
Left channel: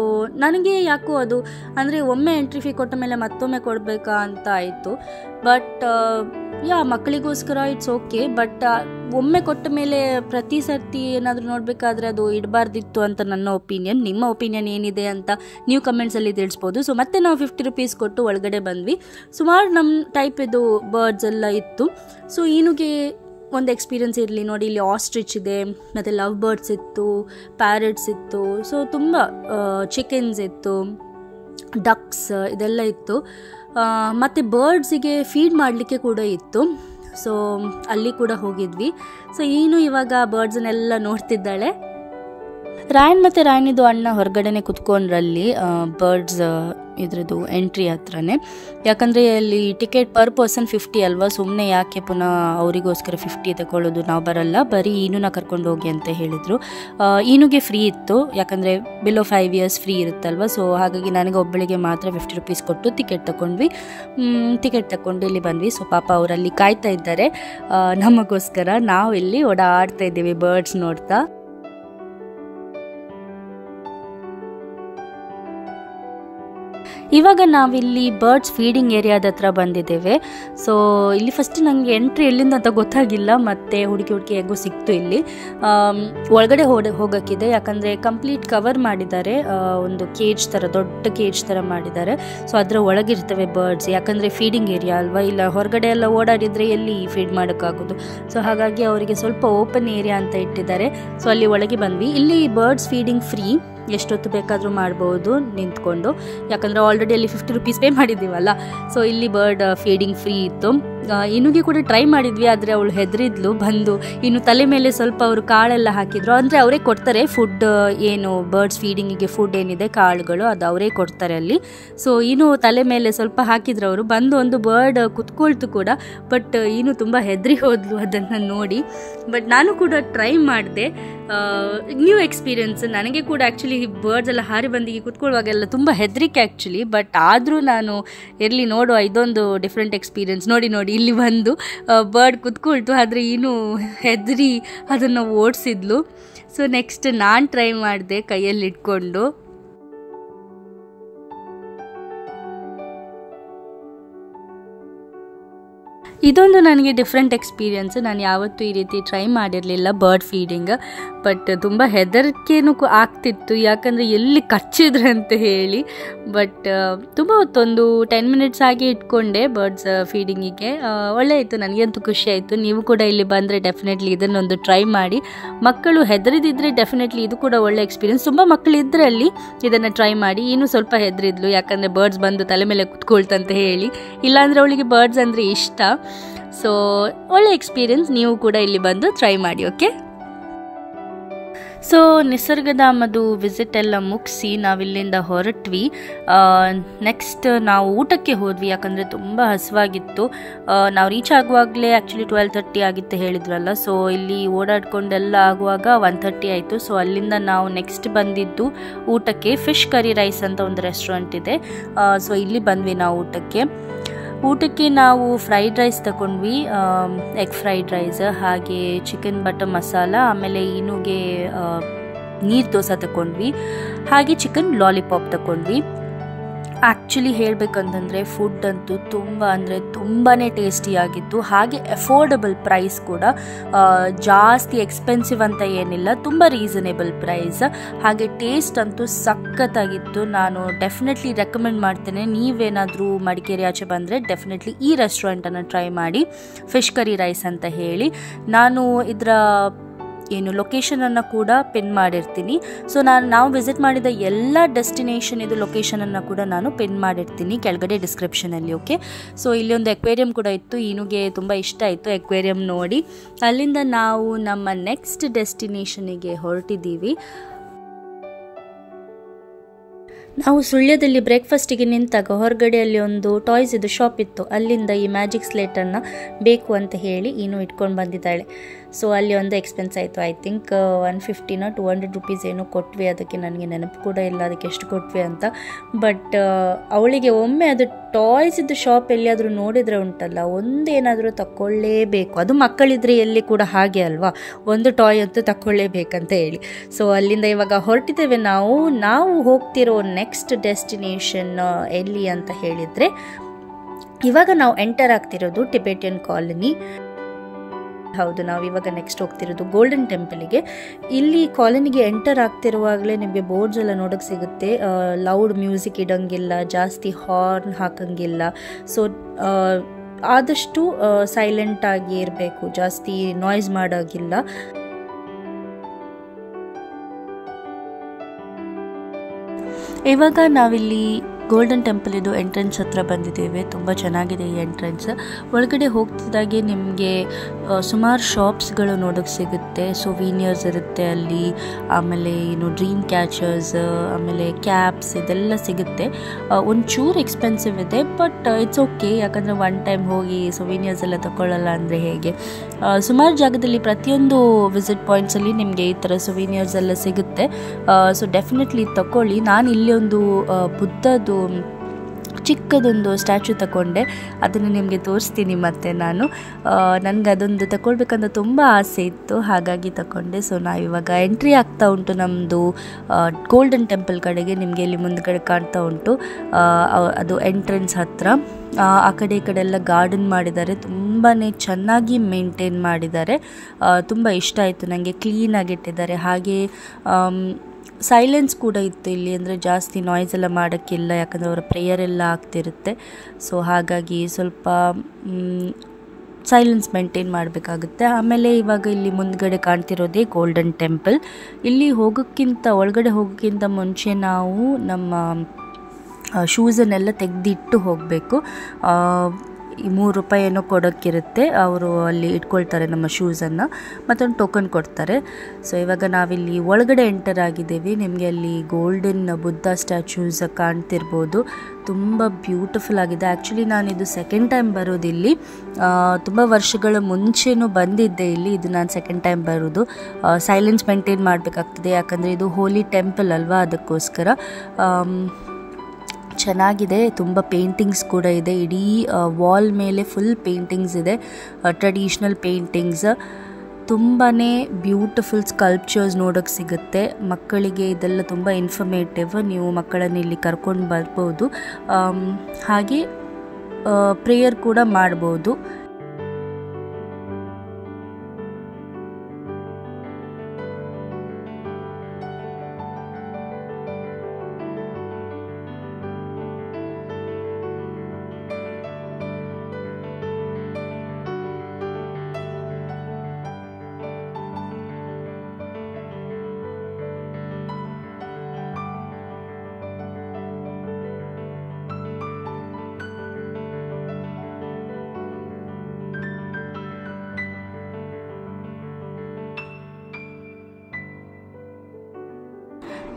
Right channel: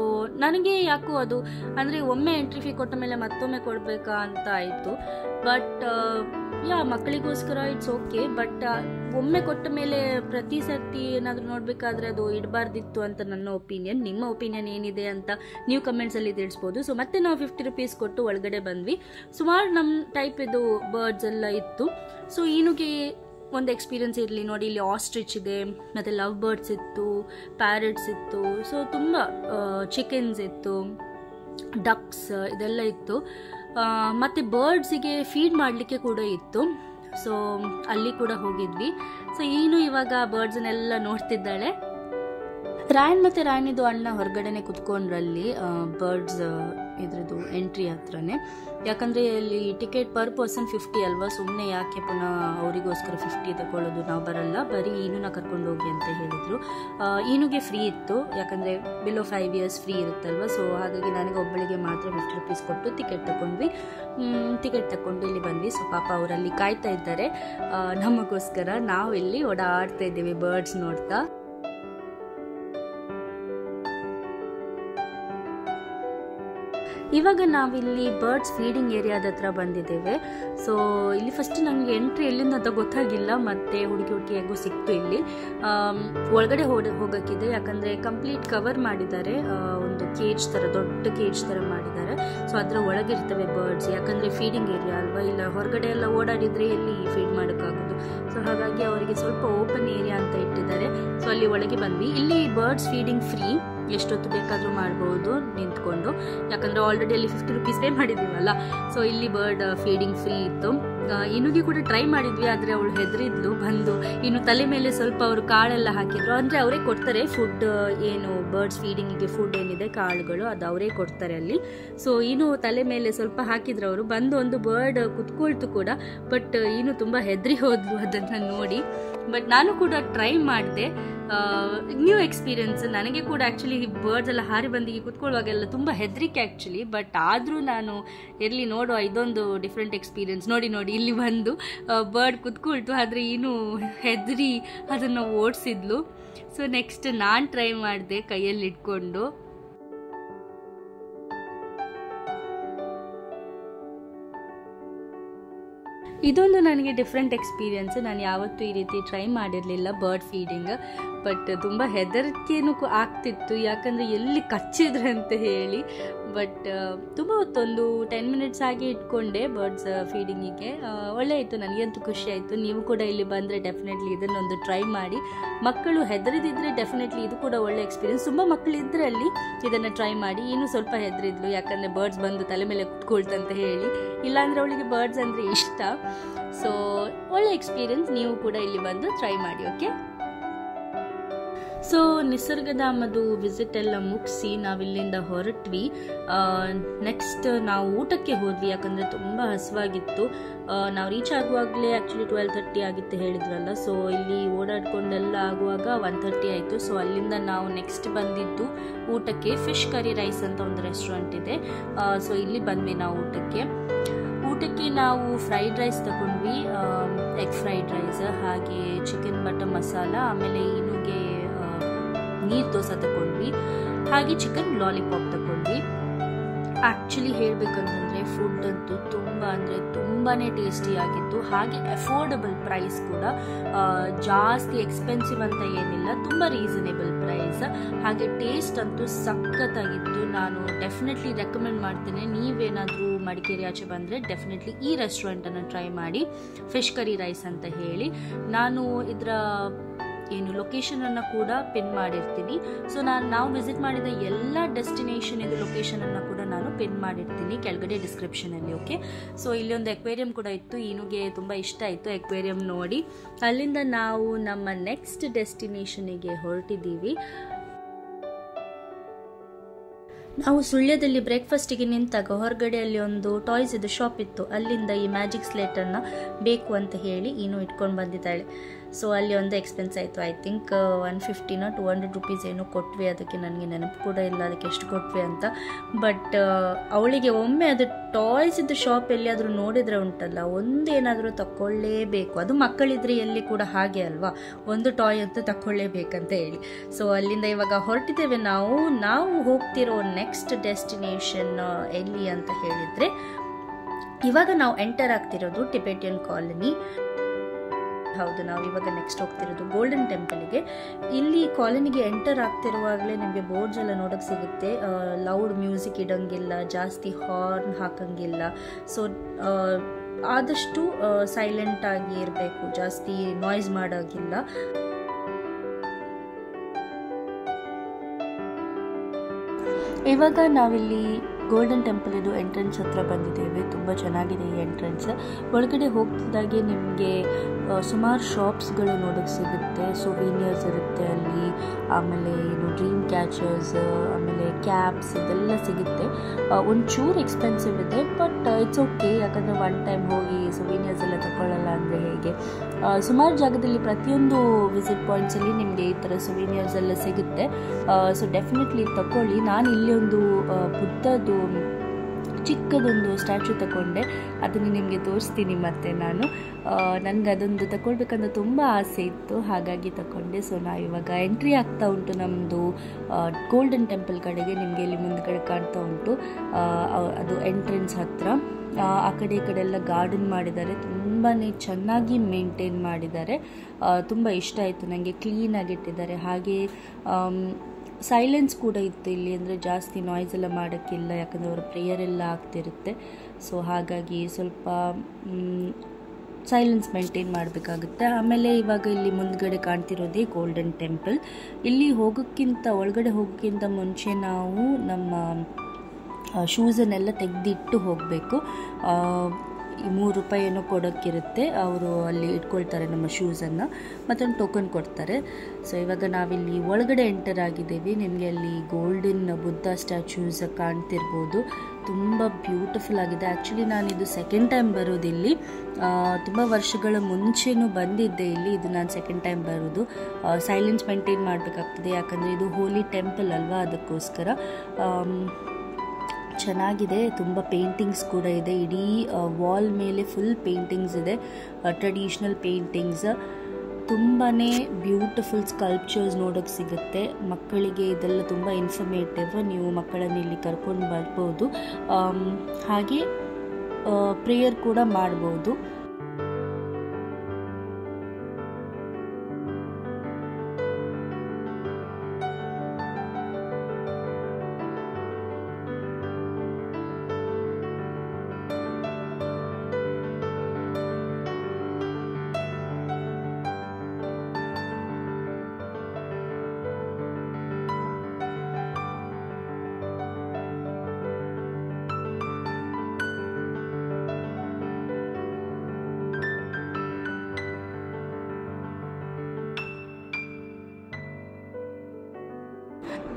ನನಗೆ ಯಾಕೋ ಅದು ಅಂದರೆ ಒಮ್ಮೆ ಎಂಟ್ರಿ ಫೀ ಕೊಟ್ಟ ಮೇಲೆ ಮತ್ತೊಮ್ಮೆ ಕೊಡಬೇಕಾ ಅಂತ ಆಯಿತು. ಬಟ್ ಮಕ್ಕಳಿಗೋಸ್ಕರ ಇಟ್ಸ್ ಓಕೆ. ಬಟ್ ಒಮ್ಮೆ ಕೊಟ್ಟ ಮೇಲೆ ಪ್ರತಿ ಸರ್ತಿ ಏನಾದರೂ ನೋಡಬೇಕಾದ್ರೆ ಅದು ಇಡಬಾರ್ದಿತ್ತು ಅಂತ ನನ್ನ ಒಪಿನಿಯನ್. ನಿಮ್ಮ ಒಪಿನಿಯನ್ ಏನಿದೆ ಅಂತ ನೀವು ಕಮೆಂಟ್ಸಲ್ಲಿ ತಿಳಿಸ್ಬೋದು. ಸೊ ಮತ್ತೆ ನಾವು 50 ರೂಪೀಸ್ ಕೊಟ್ಟು ಒಳಗಡೆ ಬಂದ್ವಿ. ಸುಮಾರು ನಮ್ಮ ಟೈಪ್ ಇದು ಬರ್ಡ್ಸ್ ಎಲ್ಲ ಇತ್ತು. ಸೊ ಈನುಗೆ ಒಂದು ಎಕ್ಸ್ಪೀರಿಯನ್ಸ್ ಇರಲಿ ನೋಡಿ. ಇಲ್ಲಿ ಆಸ್ಟ್ರಿಚ್ ಇದೆ, ಮತ್ತು ಲವ್ ಬರ್ಡ್ಸ್ ಇತ್ತು, ಪ್ಯಾರೆಟ್ಸ್ ಇತ್ತು. ಸೊ ತುಂಬ ಚಿಕನ್ಸ್ ಇತ್ತು, ಡಕ್ಸ್ ಇದೆಲ್ಲ ಇತ್ತು. ಮತ್ತು ಬರ್ಡ್ಸಿಗೆ ಫೀಡ್ ಮಾಡಲಿಕ್ಕೆ ಕೂಡ ಇತ್ತು. ಸೊ ಅಲ್ಲಿ ಕೂಡ ಹೋಗಿದ್ವಿ. ಸೊ ಏನು ಇವಾಗ ಬರ್ಡ್ಸನ್ನೆಲ್ಲ ನೋಡ್ತಿದ್ದಾಳೆ. ರಾಯನ್ ಮತ್ತು ರಾಯನಿದು ಅಣ್ಣ ಹೊರಗಡೆನೆ ಕುತ್ಕೊಂಡ್ರಲ್ಲಿ ಬರ್ಡ್ಸ್ ಇದ್ರದ್ದು ಎಂಟ್ರಿ ಹತ್ರನೇ. ಯಾಕಂದರೆ ಅಲ್ಲಿ ಟಿಕೆಟ್ ಪರ್ ಪರ್ಸನ್ 50 ಅಲ್ವಾ, ಸುಮ್ಮನೆ ಯಾಕೆ ಪುನಃ ಅವರಿಗೋಸ್ಕರ 50 ತಗೊಳ್ಳೋದು, ನಾವು ಬರಲ್ಲ, ಬರೀ ಈನುನ ಕರ್ಕೊಂಡು ಹೋಗಿ ಅಂತ ಹೇಳಿದರು. ಈನುಗೆ ಫ್ರೀ ಇತ್ತು, ಯಾಕಂದರೆ ಬಿಲೋ 5 ಇಯರ್ಸ್ ಫ್ರೀ ಇರುತ್ತಲ್ವ. ಸೊ ಹಾಗಾಗಿ ನನಗೆ ಒಬ್ಬಳಿಗೆ ಮಾತ್ರ 50 ರೂಪೀಸ್ ಕೊಟ್ಟು ಟಿಕೆಟ್ ತಗೊಂಡ್ವಿ. ಟಿಕೆಟ್ ತಗೊಂಡು ಇಲ್ಲಿ ಬಂದ್ವಿ. ಸೊ ಪಾಪ ಅವರಲ್ಲಿ ಕಾಯ್ತಾ ಇದ್ದಾರೆ ನಮಗೋಸ್ಕರ. ನಾವು ಇಲ್ಲಿ ಓಡಾಡ್ತಾ ಇದ್ದೀವಿ ಬರ್ಡ್ಸ್ ನೋಡ್ತಾ. ಇವಾಗ ನಾವಿಲ್ಲಿ ಬರ್ಡ್ಸ್ ಫೀಡಿಂಗ್ ಏರಿಯಾದ ಹತ್ರ ಬಂದಿದ್ದೇವೆ. ಸೊ ಇಲ್ಲಿ ಫಸ್ಟ್ ನನಗೆ ಎಂಟ್ರಿ ಎಲ್ಲಿಂದ ಅಂತ ಗೊತ್ತಾಗಿಲ್ಲ, ಮತ್ತು ಹುಡುಕಿ ಹೇಗೋ ಸಿಕ್ತು. ಇಲ್ಲಿ ಒಳಗಡೆ ಹೋಗೋಕ್ಕಿದೆ, ಯಾಕಂದರೆ ಕಂಪ್ಲೀಟ್ ಕವರ್ ಮಾಡಿದ್ದಾರೆ. ಒಂದು ಕೇಜ್ ಥರ, ದೊಡ್ಡ ಕೇಜ್ ಥರ ಮಾಡಿದ್ದಾರೆ. ಸೊ ಅದರ ಒಳಗಿರ್ತವೆ ಬರ್ಡ್ಸ್, ಯಾಕಂದರೆ ಫೀಡಿಂಗ್ ಏರಿಯಾ ಅಲ್ವಾ. ಇಲ್ಲ ಹೊರಗಡೆ ಎಲ್ಲ ಓಡಾಡಿದರೆ ಎಲ್ಲಿ ಫೀಡ್ ಮಾಡೋಕ್ಕಾಗೋದು. ಸೊ ಹಾಗಾಗಿ ಅವರಿಗೆ ಸ್ವಲ್ಪ ಓಪನ್ ಏರಿಯಾ ಅಂತ ಇಟ್ಟಿದ್ದಾರೆ. ಸೊ ಅಲ್ಲಿ ಒಳಗೆ ಬಂದ್ವಿ. ಇಲ್ಲಿ ಬರ್ಡ್ಸ್ ಫೀಡಿಂಗ್ ಫ್ರೀ, ಎಷ್ಟೊತ್ತು ಬೇಕಾದರೂ ಮಾಡ್ಬೋದು ನಿಂತ್ಕೊಂಡು, ಯಾಕಂದರೆ ಆಲ್ರೆಡಿ ಅಲ್ಲಿ 50 ರೂಪೀಸ್ ಪೇ ಮಾಡಿದ್ದೀವಲ್ಲ. ಸೊ ಇಲ್ಲಿ ಬರ್ಡ್ ಫೀಡಿಂಗ್ ಫ್ರೀ ಇತ್ತು. ಇನ್ನುಗೆ ಕೂಡ ಟ್ರೈ ಮಾಡಿದ್ವಿ, ಆದರೆ ಅವಳು ಹೆದರಿದ್ಲು. ಬಂದು ಇನ್ನು ತಲೆ ಮೇಲೆ ಸ್ವಲ್ಪ ಅವರು ಕಾಳೆಲ್ಲ ಹಾಕಿದ್ರು, ಅಂದರೆ ಅವರೇ ಕೊಡ್ತಾರೆ ಫುಡ್, ಏನು ಬರ್ಡ್ಸ್ ಫೀಡಿಂಗಿಗೆ ಫುಡ್ ಏನಿದೆ ಕಾಳುಗಳು ಅದು ಅವರೇ ಕೊಡ್ತಾರೆ ಅಲ್ಲಿ. ಸೊ ಇನ್ನು ತಲೆ ಮೇಲೆ ಸ್ವಲ್ಪ ಹಾಕಿದ್ರು ಅವರು. ಬಂದು ಒಂದು ಬರ್ಡ್ ಕುತ್ಕೊಳ್ತು ಕೂಡ, ಬಟ್ ಇನ್ನು ತುಂಬ ಹೆದರಿ ಹೋದ್ಲು ಅದನ್ನು ನೋಡಿ. ಬಟ್ ನಾನು ಕೂಡ ಟ್ರೈ ಮಾಡಿದೆ, ನ್ಯೂ ಎಕ್ಸ್ಪೀರಿಯನ್ಸ್ ನನಗೆ ಕೂಡ. ಆ್ಯಕ್ಚುಲಿ ಬರ್ಡ್ಸ್ ಎಲ್ಲ ಹಾರಿ ಬಂದಿಗೆ ಕುತ್ಕೊಳ್ಳುವಾಗೆಲ್ಲ ತುಂಬ ಹೆದರಿಕೆ ಆ್ಯಕ್ಚುಲಿ, ಬಟ್ ಆದರೂ ನಾನು ಇರಲಿ ನೋಡುವ, ಇದೊಂದು ಡಿಫ್ರೆಂಟ್ ಎಕ್ಸ್ಪೀರಿಯನ್ಸ್. ನೋಡಿ ಇಲ್ಲಿ ಬಂದು ಬರ್ಡ್ ಕುತ್ಕೊಳ್ತು, ಆದರೆ ಇನ್ನೂ ಹೆದರಿ ಅದನ್ನು ಓಡಿಸಿದ್ಲು. ಸೊ ನೆಕ್ಸ್ಟ್ ನಾನು ಟ್ರೈ ಮಾಡಿದೆ ಕೈಯಲ್ಲಿ ಇಟ್ಕೊಂಡು. ಇದೊಂದು ನನಗೆ ಡಿಫ್ರೆಂಟ್ ಎಕ್ಸ್ಪೀರಿಯನ್ಸ್. ನಾನು ಯಾವತ್ತೂ ಈ ರೀತಿ ಟ್ರೈ ಮಾಡಿರಲಿಲ್ಲ ಬರ್ಡ್ ಫೀಡಿಂಗ್, ಬಟ್ ತುಂಬ ಹೆದರಿಕೆನೂ ಆಗ್ತಿತ್ತು, ಯಾಕಂದರೆ ಎಲ್ಲಿ ಕಚ್ಚಿದ್ರೆ ಅಂತ ಹೇಳಿ. ಬಟ್ ತುಂಬ ಹೊತ್ತೊಂದು 10 ಮಿನಿಟ್ಸ್ ಆಗಿ ಇಟ್ಕೊಂಡೆ ಬರ್ಡ್ಸ್ ಫೀಡಿಂಗಿಗೆ. ಒಳ್ಳೆ ಇತ್ತು, ನನಗಂತೂ ಖುಷಿ ಆಯಿತು. ನೀವು ಕೂಡ ಇಲ್ಲಿ ಬಂದರೆ ಡೆಫಿನೆಟ್ಲಿ ಇದನ್ನೊಂದು ಟ್ರೈ ಮಾಡಿ. ಮಕ್ಕಳು ಹೆದರಿದಿದ್ರೆ ಡೆಫಿನೆಟ್ಲಿ ಇದು ಕೂಡ ಒಳ್ಳೆ ಎಕ್ಸ್ಪೀರಿಯನ್ಸ್. ತುಂಬ ಮಕ್ಕಳು ಇದ್ದರೆ ಅಲ್ಲಿ ಇದನ್ನು ಟ್ರೈ ಮಾಡಿ. ಇನ್ನೂ ಸ್ವಲ್ಪ ಹೆದರಿದ್ಲು, ಯಾಕಂದರೆ ಬರ್ಡ್ಸ್ ಬಂದು ತಲೆ ಮೇಲೆ ಕುತ್ಕೊಳ್ತಂತ ಹೇಳಿ. ಇಲ್ಲಾಂದರೆ ಅವಳಿಗೆ ಬರ್ಡ್ಸ್ ಅಂದರೆ ಇಷ್ಟ. ಸೊ ಒಳ್ಳೆ ಎಕ್ಸ್ಪೀರಿಯನ್ಸ್, ನೀವು ಕೂಡ ಇಲ್ಲಿ ಬಂದು ಟ್ರೈ ಮಾಡಿ. ಓಕೆ, ಸೊ ನಿಸರ್ಗಧಾಮದು ವಿಸಿಟ್ ಎಲ್ಲ ಮುಗಿಸಿ ನಾವಿಲ್ಲಿಂದ ಹೊರಟ್ವಿ. ನೆಕ್ಸ್ಟ್ ನಾವು ಊಟಕ್ಕೆ ಹೋದ್ವಿ, ಯಾಕಂದರೆ ತುಂಬ ಹಸಿವಾಗಿತ್ತು. ನಾವು ರೀಚ್ ಆಗುವಾಗಲೇ ಆ್ಯಕ್ಚುಲಿ 12:30 ಆಗಿತ್ತು ಹೇಳಿದ್ವಲ್ಲ. ಸೊ ಇಲ್ಲಿ ಓಡಾಡ್ಕೊಂಡೆಲ್ಲ ಆಗುವಾಗ 1:30 ಆಯಿತು. ಸೊ ಅಲ್ಲಿಂದ ನಾವು ನೆಕ್ಸ್ಟ್ ಬಂದಿದ್ದು ಊಟಕ್ಕೆ ಫಿಶ್ ಕರಿ ರೈಸ್ ಅಂತ ಒಂದು ರೆಸ್ಟೋರೆಂಟ್ ಇದೆ. ಸೊ ಇಲ್ಲಿ ಬಂದ್ವಿ ನಾವು ಊಟಕ್ಕೆ ನಾವು ಫ್ರೈಡ್ ರೈಸ್ ತಗೊಂಡ್ವಿ, ಎಗ್ ಫ್ರೈಡ್ ರೈಸ್, ಹಾಗೆ ಚಿಕನ್ ಬಟರ್ ಮಸಾಲ, ಆಮೇಲೆ ಇನ್ನುಗೆ ನೀರು ದೋಸೆ ತಗೊಂಡ್ವಿ, ಹಾಗೆ ಚಿಕನ್ ಲಾಲಿಪಾಪ್ ತಗೊಂಡ್ವಿ. ಆ್ಯಕ್ಚುಲಿ ಹೇಳಬೇಕಂತಂದರೆ ಫುಡ್ ಅಂತೂ ತುಂಬಾ ಟೇಸ್ಟಿಯಾಗಿತ್ತು, ಹಾಗೆ ಅಫೋರ್ಡಬಲ್ ಪ್ರೈಸ್ ಕೂಡ. ಜಾಸ್ತಿ ಎಕ್ಸ್ಪೆನ್ಸಿವ್ ಅಂತ ಏನಿಲ್ಲ, ತುಂಬ ರೀಸನೇಬಲ್ ಪ್ರೈಸ್. ಹಾಗೆ ಟೇಸ್ಟ್ ಅಂತೂ ಸಖತ್ತಾಗಿತ್ತು. ನಾನು ಡೆಫಿನೆಟ್ಲಿ ರೆಕಮೆಂಡ್ ಮಾಡ್ತೇನೆ, ನೀವೇನಾದರೂ ಮಡಿಕೇರಿ ಆಚೆ ಬಂದರೆ ಡೆಫಿನೆಟ್ಲಿ ಈ ರೆಸ್ಟೋರೆಂಟನ್ನು ಟ್ರೈ ಮಾಡಿ, ಫಿಶ್ ಕರಿ ರೈಸ್ ಅಂತ ಹೇಳಿ. ನಾನು ಇದರ ಲೊಕೇಶನನ್ನು ಕೂಡ ಪಿನ್ ಮಾಡಿರ್ತೀನಿ. ಸೊ ನಾವು ವಿಸಿಟ್ ಮಾಡಿದ ಎಲ್ಲ ಡೆಸ್ಟಿನೇಷನ್ ಇದು ಲೊಕೇಶನನ್ನು ಕೂಡ ನಾನು ಪಿನ್ ಮಾಡಿರ್ತೀನಿ ಕೆಳಗಡೆ ಡಿಸ್ಕ್ರಿಪ್ಷನಲ್ಲಿ. ಓಕೆ, ಸೊ ಇಲ್ಲಿ ಒಂದು ಎಕ್ವೇರಿಯಂ ಕೂಡ ಇತ್ತು, ಈನುಗೆ ತುಂಬ ಇಷ್ಟ ಆಯಿತು ಎಕ್ವೇರಿಯಂ ನೋಡಿ. ಅಲ್ಲಿಂದ ನಾವು ನಮ್ಮ ನೆಕ್ಸ್ಟ್ ಡೆಸ್ಟಿನೇಷನಿಗೆ ಹೊರಟಿದ್ದೀವಿ. ನಾವು ಸುಳ್ಯದಲ್ಲಿ ಬ್ರೇಕ್ಫಾಸ್ಟಿಗೆ ನಿಂತಾಗ ಹೊರಗಡೆ ಅಲ್ಲಿ ಒಂದು ಟಾಯ್ಸ್ ಇದು ಶಾಪ್ ಇತ್ತು. ಅಲ್ಲಿಂದ ಈ ಮ್ಯಾಜಿಕ್ ಸ್ಲೇಟನ್ನು ಬೇಕು ಅಂತ ಹೇಳಿ ಇನ್ನೂ ಇಟ್ಕೊಂಡು ಬಂದಿದ್ದಾಳೆ. ಸೊ ಅಲ್ಲಿ ಒಂದು ಎಕ್ಸ್ಪೆನ್ಸ್ ಆಯಿತು, ಐ ಥಿಂಕ್ 150 200 ರೂಪೀಸ್ ಏನೋ ಕೊಟ್ವಿ. ಅದಕ್ಕೆ ನನಗೆ ನೆನಪು ಕೂಡ ಇಲ್ಲ ಅದಕ್ಕೆ ಎಷ್ಟು ಕೊಟ್ವಿ ಅಂತ. ಬಟ್ ಅವಳಿಗೆ ಒಮ್ಮೆ ಅದು ಟಾಯ್ಸ್ ಇದ್ದು ಶಾಪ್ ಎಲ್ಲಿಯಾದರೂ ನೋಡಿದರೆ ಉಂಟಲ್ಲ, ಒಂದೇನಾದರೂ ತಗೊಳ್ಳೇಬೇಕು. ಅದು ಮಕ್ಕಳಿದ್ರೆ ಎಲ್ಲಿ ಕೂಡ ಹಾಗೆ ಅಲ್ವಾ, ಒಂದು ಟಾಯ್ ಅಂತೂ ತಗೊಳ್ಳೇಬೇಕಂತ ಹೇಳಿ. ಸೊ ಅಲ್ಲಿಂದ ಇವಾಗ ಹೊರಟಿದ್ದೇವೆ ನಾವು ಹೋಗ್ತಿರೋ ನೆಕ್ಸ್ಟ್ ಡೆಸ್ಟಿನೇಷನ್ ಎಲ್ಲಿ ಅಂತ ಹೇಳಿದರೆ, ಇವಾಗ ನಾವು ಎಂಟರ್ ಆಗ್ತಿರೋದು ಟಿಬೆಟಿಯನ್ ಕಾಲನಿ. ಹೌದು, ನಾವು ಇವಾಗ ನೆಕ್ಸ್ಟ್ ಹೋಗ್ತಿರೋದು ಗೋಲ್ಡನ್ ಟೆಂಪಲಿಗೆ. ಇಲ್ಲಿ ಕಾಲನಿಗೆ ಎಂಟರ್ ಆಗ್ತಿರುವಾಗಲೇ ನಿಮಗೆ ಬೋರ್ಡ್ಸ್ ಎಲ್ಲ ನೋಡೋಕ್ಕೆ ಸಿಗುತ್ತೆ. ಲೌಡ್ ಮ್ಯೂಸಿಕ್ ಇಡೋಂಗಿಲ್ಲ, ಜಾಸ್ತಿ ಹಾರ್ನ್ ಹಾಕಂಗಿಲ್ಲ. ಸೊ ಆದಷ್ಟು ಸೈಲೆಂಟಾಗಿ ಇರಬೇಕು, ಜಾಸ್ತಿ ನಾಯ್ಸ್ ಮಾಡೋಗಿಲ್ಲ. ಇವಾಗ ನಾವಿಲ್ಲಿ ಗೋಲ್ಡನ್ ಟೆಂಪಲ್ ಇದು ಎಂಟ್ರೆನ್ಸ್ ಹತ್ರ ಬಂದಿದ್ದೇವೆ. ತುಂಬ ಚೆನ್ನಾಗಿದೆ ಈ ಎಂಟ್ರೆನ್ಸ್. ಒಳಗಡೆ ಹೋಗ್ತಿದ್ದಾಗೆ ನಿಮಗೆ ಸುಮಾರು ಶಾಪ್ಸ್ಗಳು ನೋಡೋಕ್ಕೆ ಸಿಗುತ್ತೆ. ಸೊವೀನಿಯರ್ಸ್ ಇರುತ್ತೆ ಅಲ್ಲಿ, ಆಮೇಲೆ ಡ್ರೀಮ್ ಕ್ಯಾಚರ್ಸ್, ಆಮೇಲೆ ಕ್ಯಾಪ್ಸ್ ಇದೆಲ್ಲ ಸಿಗುತ್ತೆ. ಒಂಚೂರು ಎಕ್ಸ್ಪೆನ್ಸಿವ್ ಇದೆ, ಬಟ್ ಇಟ್ಸ್ ಓಕೆ, ಯಾಕಂದರೆ ಒನ್ ಟೈಮ್ ಹೋಗಿ ಸೊವೀನಿಯರ್ಸ್ ಎಲ್ಲ ತಗೊಳ್ಳಲ್ಲ ಅಂದರೆ ಹೇಗೆ. ಸುಮಾರು ಜಾಗದಲ್ಲಿ ಪ್ರತಿಯೊಂದು ವಿಸಿಟ್ ಪಾಯಿಂಟ್ಸಲ್ಲಿ ನಿಮಗೆ ಈ ಥರ ಸೊವೀನಿಯರ್ಸ್ ಎಲ್ಲ ಸಿಗುತ್ತೆ. ಸೊ ಡೆಫಿನೆಟ್ಲಿ ತಗೊಳ್ಳಿ. ನಾನು ಇಲ್ಲಿ ಒಂದು ಬುದ್ಧದ್ದು ಚಿಕ್ಕದೊಂದು ಸ್ಟ್ಯಾಚ್ಯೂ ತಗೊಂಡೆ, ಅದನ್ನು ನಿಮಗೆ ತೋರಿಸ್ತೀನಿ ಮತ್ತೆ ನನಗೆ ಅದೊಂದು ತಗೊಳ್ಬೇಕಂತ ತುಂಬ ಆಸೆ ಇತ್ತು, ಹಾಗಾಗಿ ತಗೊಂಡೆ. ಸೊ ನಾವಿವಾಗ ಎಂಟ್ರಿ ಆಗ್ತಾ ಉಂಟು ನಮ್ಮದು ಗೋಲ್ಡನ್ ಟೆಂಪಲ್ ಕಡೆಗೆ. ನಿಮಗೆ ಇಲ್ಲಿ ಮುಂದ್ಗಡೆ ಕಾಣ್ತಾ ಉಂಟು, ಅದು ಎಂಟ್ರೆನ್ಸ್ ಹತ್ರ. ಆ ಕಡೆ ಈ ಕಡೆ ಎಲ್ಲ ಗಾರ್ಡನ್ ಮಾಡಿದ್ದಾರೆ, ತುಂಬಾ ಚೆನ್ನಾಗಿ ಮೇಂಟೈನ್ ಮಾಡಿದ್ದಾರೆ. ತುಂಬ ಇಷ್ಟ ಆಯಿತು ನನಗೆ, ಕ್ಲೀನಾಗಿಟ್ಟಿದ್ದಾರೆ. ಹಾಗೆ ಸೈಲೆನ್ಸ್ ಕೂಡ ಇತ್ತು ಇಲ್ಲಿ, ಅಂದರೆ ಜಾಸ್ತಿ ನಾಯ್ಸ್ ಎಲ್ಲ ಮಾಡೋಕ್ಕಿಲ್ಲ, ಯಾಕಂದರೆ ಅವರ ಪ್ರೇಯರ್ ಎಲ್ಲ ಆಗ್ತಿರುತ್ತೆ. ಸೊ ಹಾಗಾಗಿ ಸ್ವಲ್ಪ ಸೈಲೆನ್ಸ್ ಮೇಂಟೈನ್ ಮಾಡಬೇಕಾಗುತ್ತೆ. ಆಮೇಲೆ ಇವಾಗ ಇಲ್ಲಿ ಮುಂದ್ಗಡೆ ಕಾಣ್ತಿರೋದೇ ಗೋಲ್ಡನ್ ಟೆಂಪಲ್. ಇಲ್ಲಿ ಒಳಗಡೆ ಹೋಗೋಕ್ಕಿಂತ ಮುಂಚೆ ನಾವು ನಮ್ಮ ಶೂಸನ್ನೆಲ್ಲ ತೆಗೆದಿಟ್ಟು ಹೋಗಬೇಕು. ₹3 ಏನೋ ಕೊಡೋಕ್ಕಿರುತ್ತೆ. ಅವರು ಅಲ್ಲಿ ಇಟ್ಕೊಳ್ತಾರೆ ನಮ್ಮ ಶೂಸನ್ನು, ಮತ್ತೊಂದು ಟೋಕನ್ ಕೊಡ್ತಾರೆ. ಸೊ ಇವಾಗ ನಾವಿಲ್ಲಿ ಒಳಗಡೆ ಎಂಟರ್ ಆಗಿದ್ದೀವಿ. ನಿಮಗೆ ಅಲ್ಲಿ ಗೋಲ್ಡನ್ ಬುದ್ಧ ಸ್ಟ್ಯಾಚ್ಯೂಸ್ ಕಾಣ್ತಿರ್ಬೋದು. ತುಂಬ ಬ್ಯೂಟಿಫುಲ್ ಆಗಿದೆ. ಆ್ಯಕ್ಚುಲಿ ನಾನಿದು ಸೆಕೆಂಡ್ ಟೈಮ್ ಬರೋದಿಲ್ಲಿ. ತುಂಬ ವರ್ಷಗಳ ಮುಂಚೆನೂ ಬಂದಿದ್ದೆ ಇಲ್ಲಿ. ಇದು ನಾನು ಸೆಕೆಂಡ್ ಟೈಮ್ ಬರೋದು. ಸೈಲೆನ್ಸ್ ಮೇಂಟೈನ್ ಮಾಡಬೇಕಾಗ್ತದೆ, ಯಾಕಂದರೆ ಇದು ಹೋಲಿ ಟೆಂಪಲ್ ಅಲ್ವಾ, ಅದಕ್ಕೋಸ್ಕರ. ಚೆನ್ನಾಗಿದೆ. ತುಂಬ ಪೇಂಟಿಂಗ್ಸ್ ಕೂಡ ಇದೆ. ಇಡೀ ವಾಲ್ ಮೇಲೆ ಫುಲ್ ಪೇಂಟಿಂಗ್ಸ್ ಇದೆ, ಟ್ರೆಡಿಷ್ನಲ್ ಪೇಂಟಿಂಗ್ಸ್. ತುಂಬಾ ಬ್ಯೂಟಿಫುಲ್ ಸ್ಕಲ್ಪ್ಚರ್ಸ್ ನೋಡೋಕ್ಕೆ ಸಿಗುತ್ತೆ. ಮಕ್ಕಳಿಗೆ ಇದೆಲ್ಲ ತುಂಬ ಇನ್ಫಾರ್ಮೇಟಿವ್. ನೀವು ಮಕ್ಕಳನ್ನು ಇಲ್ಲಿ ಕರ್ಕೊಂಡು ಬರ್ಬೋದು. ಹಾಗೆ ಪ್ರೇಯರ್ ಕೂಡ ಮಾಡ್ಬೋದು.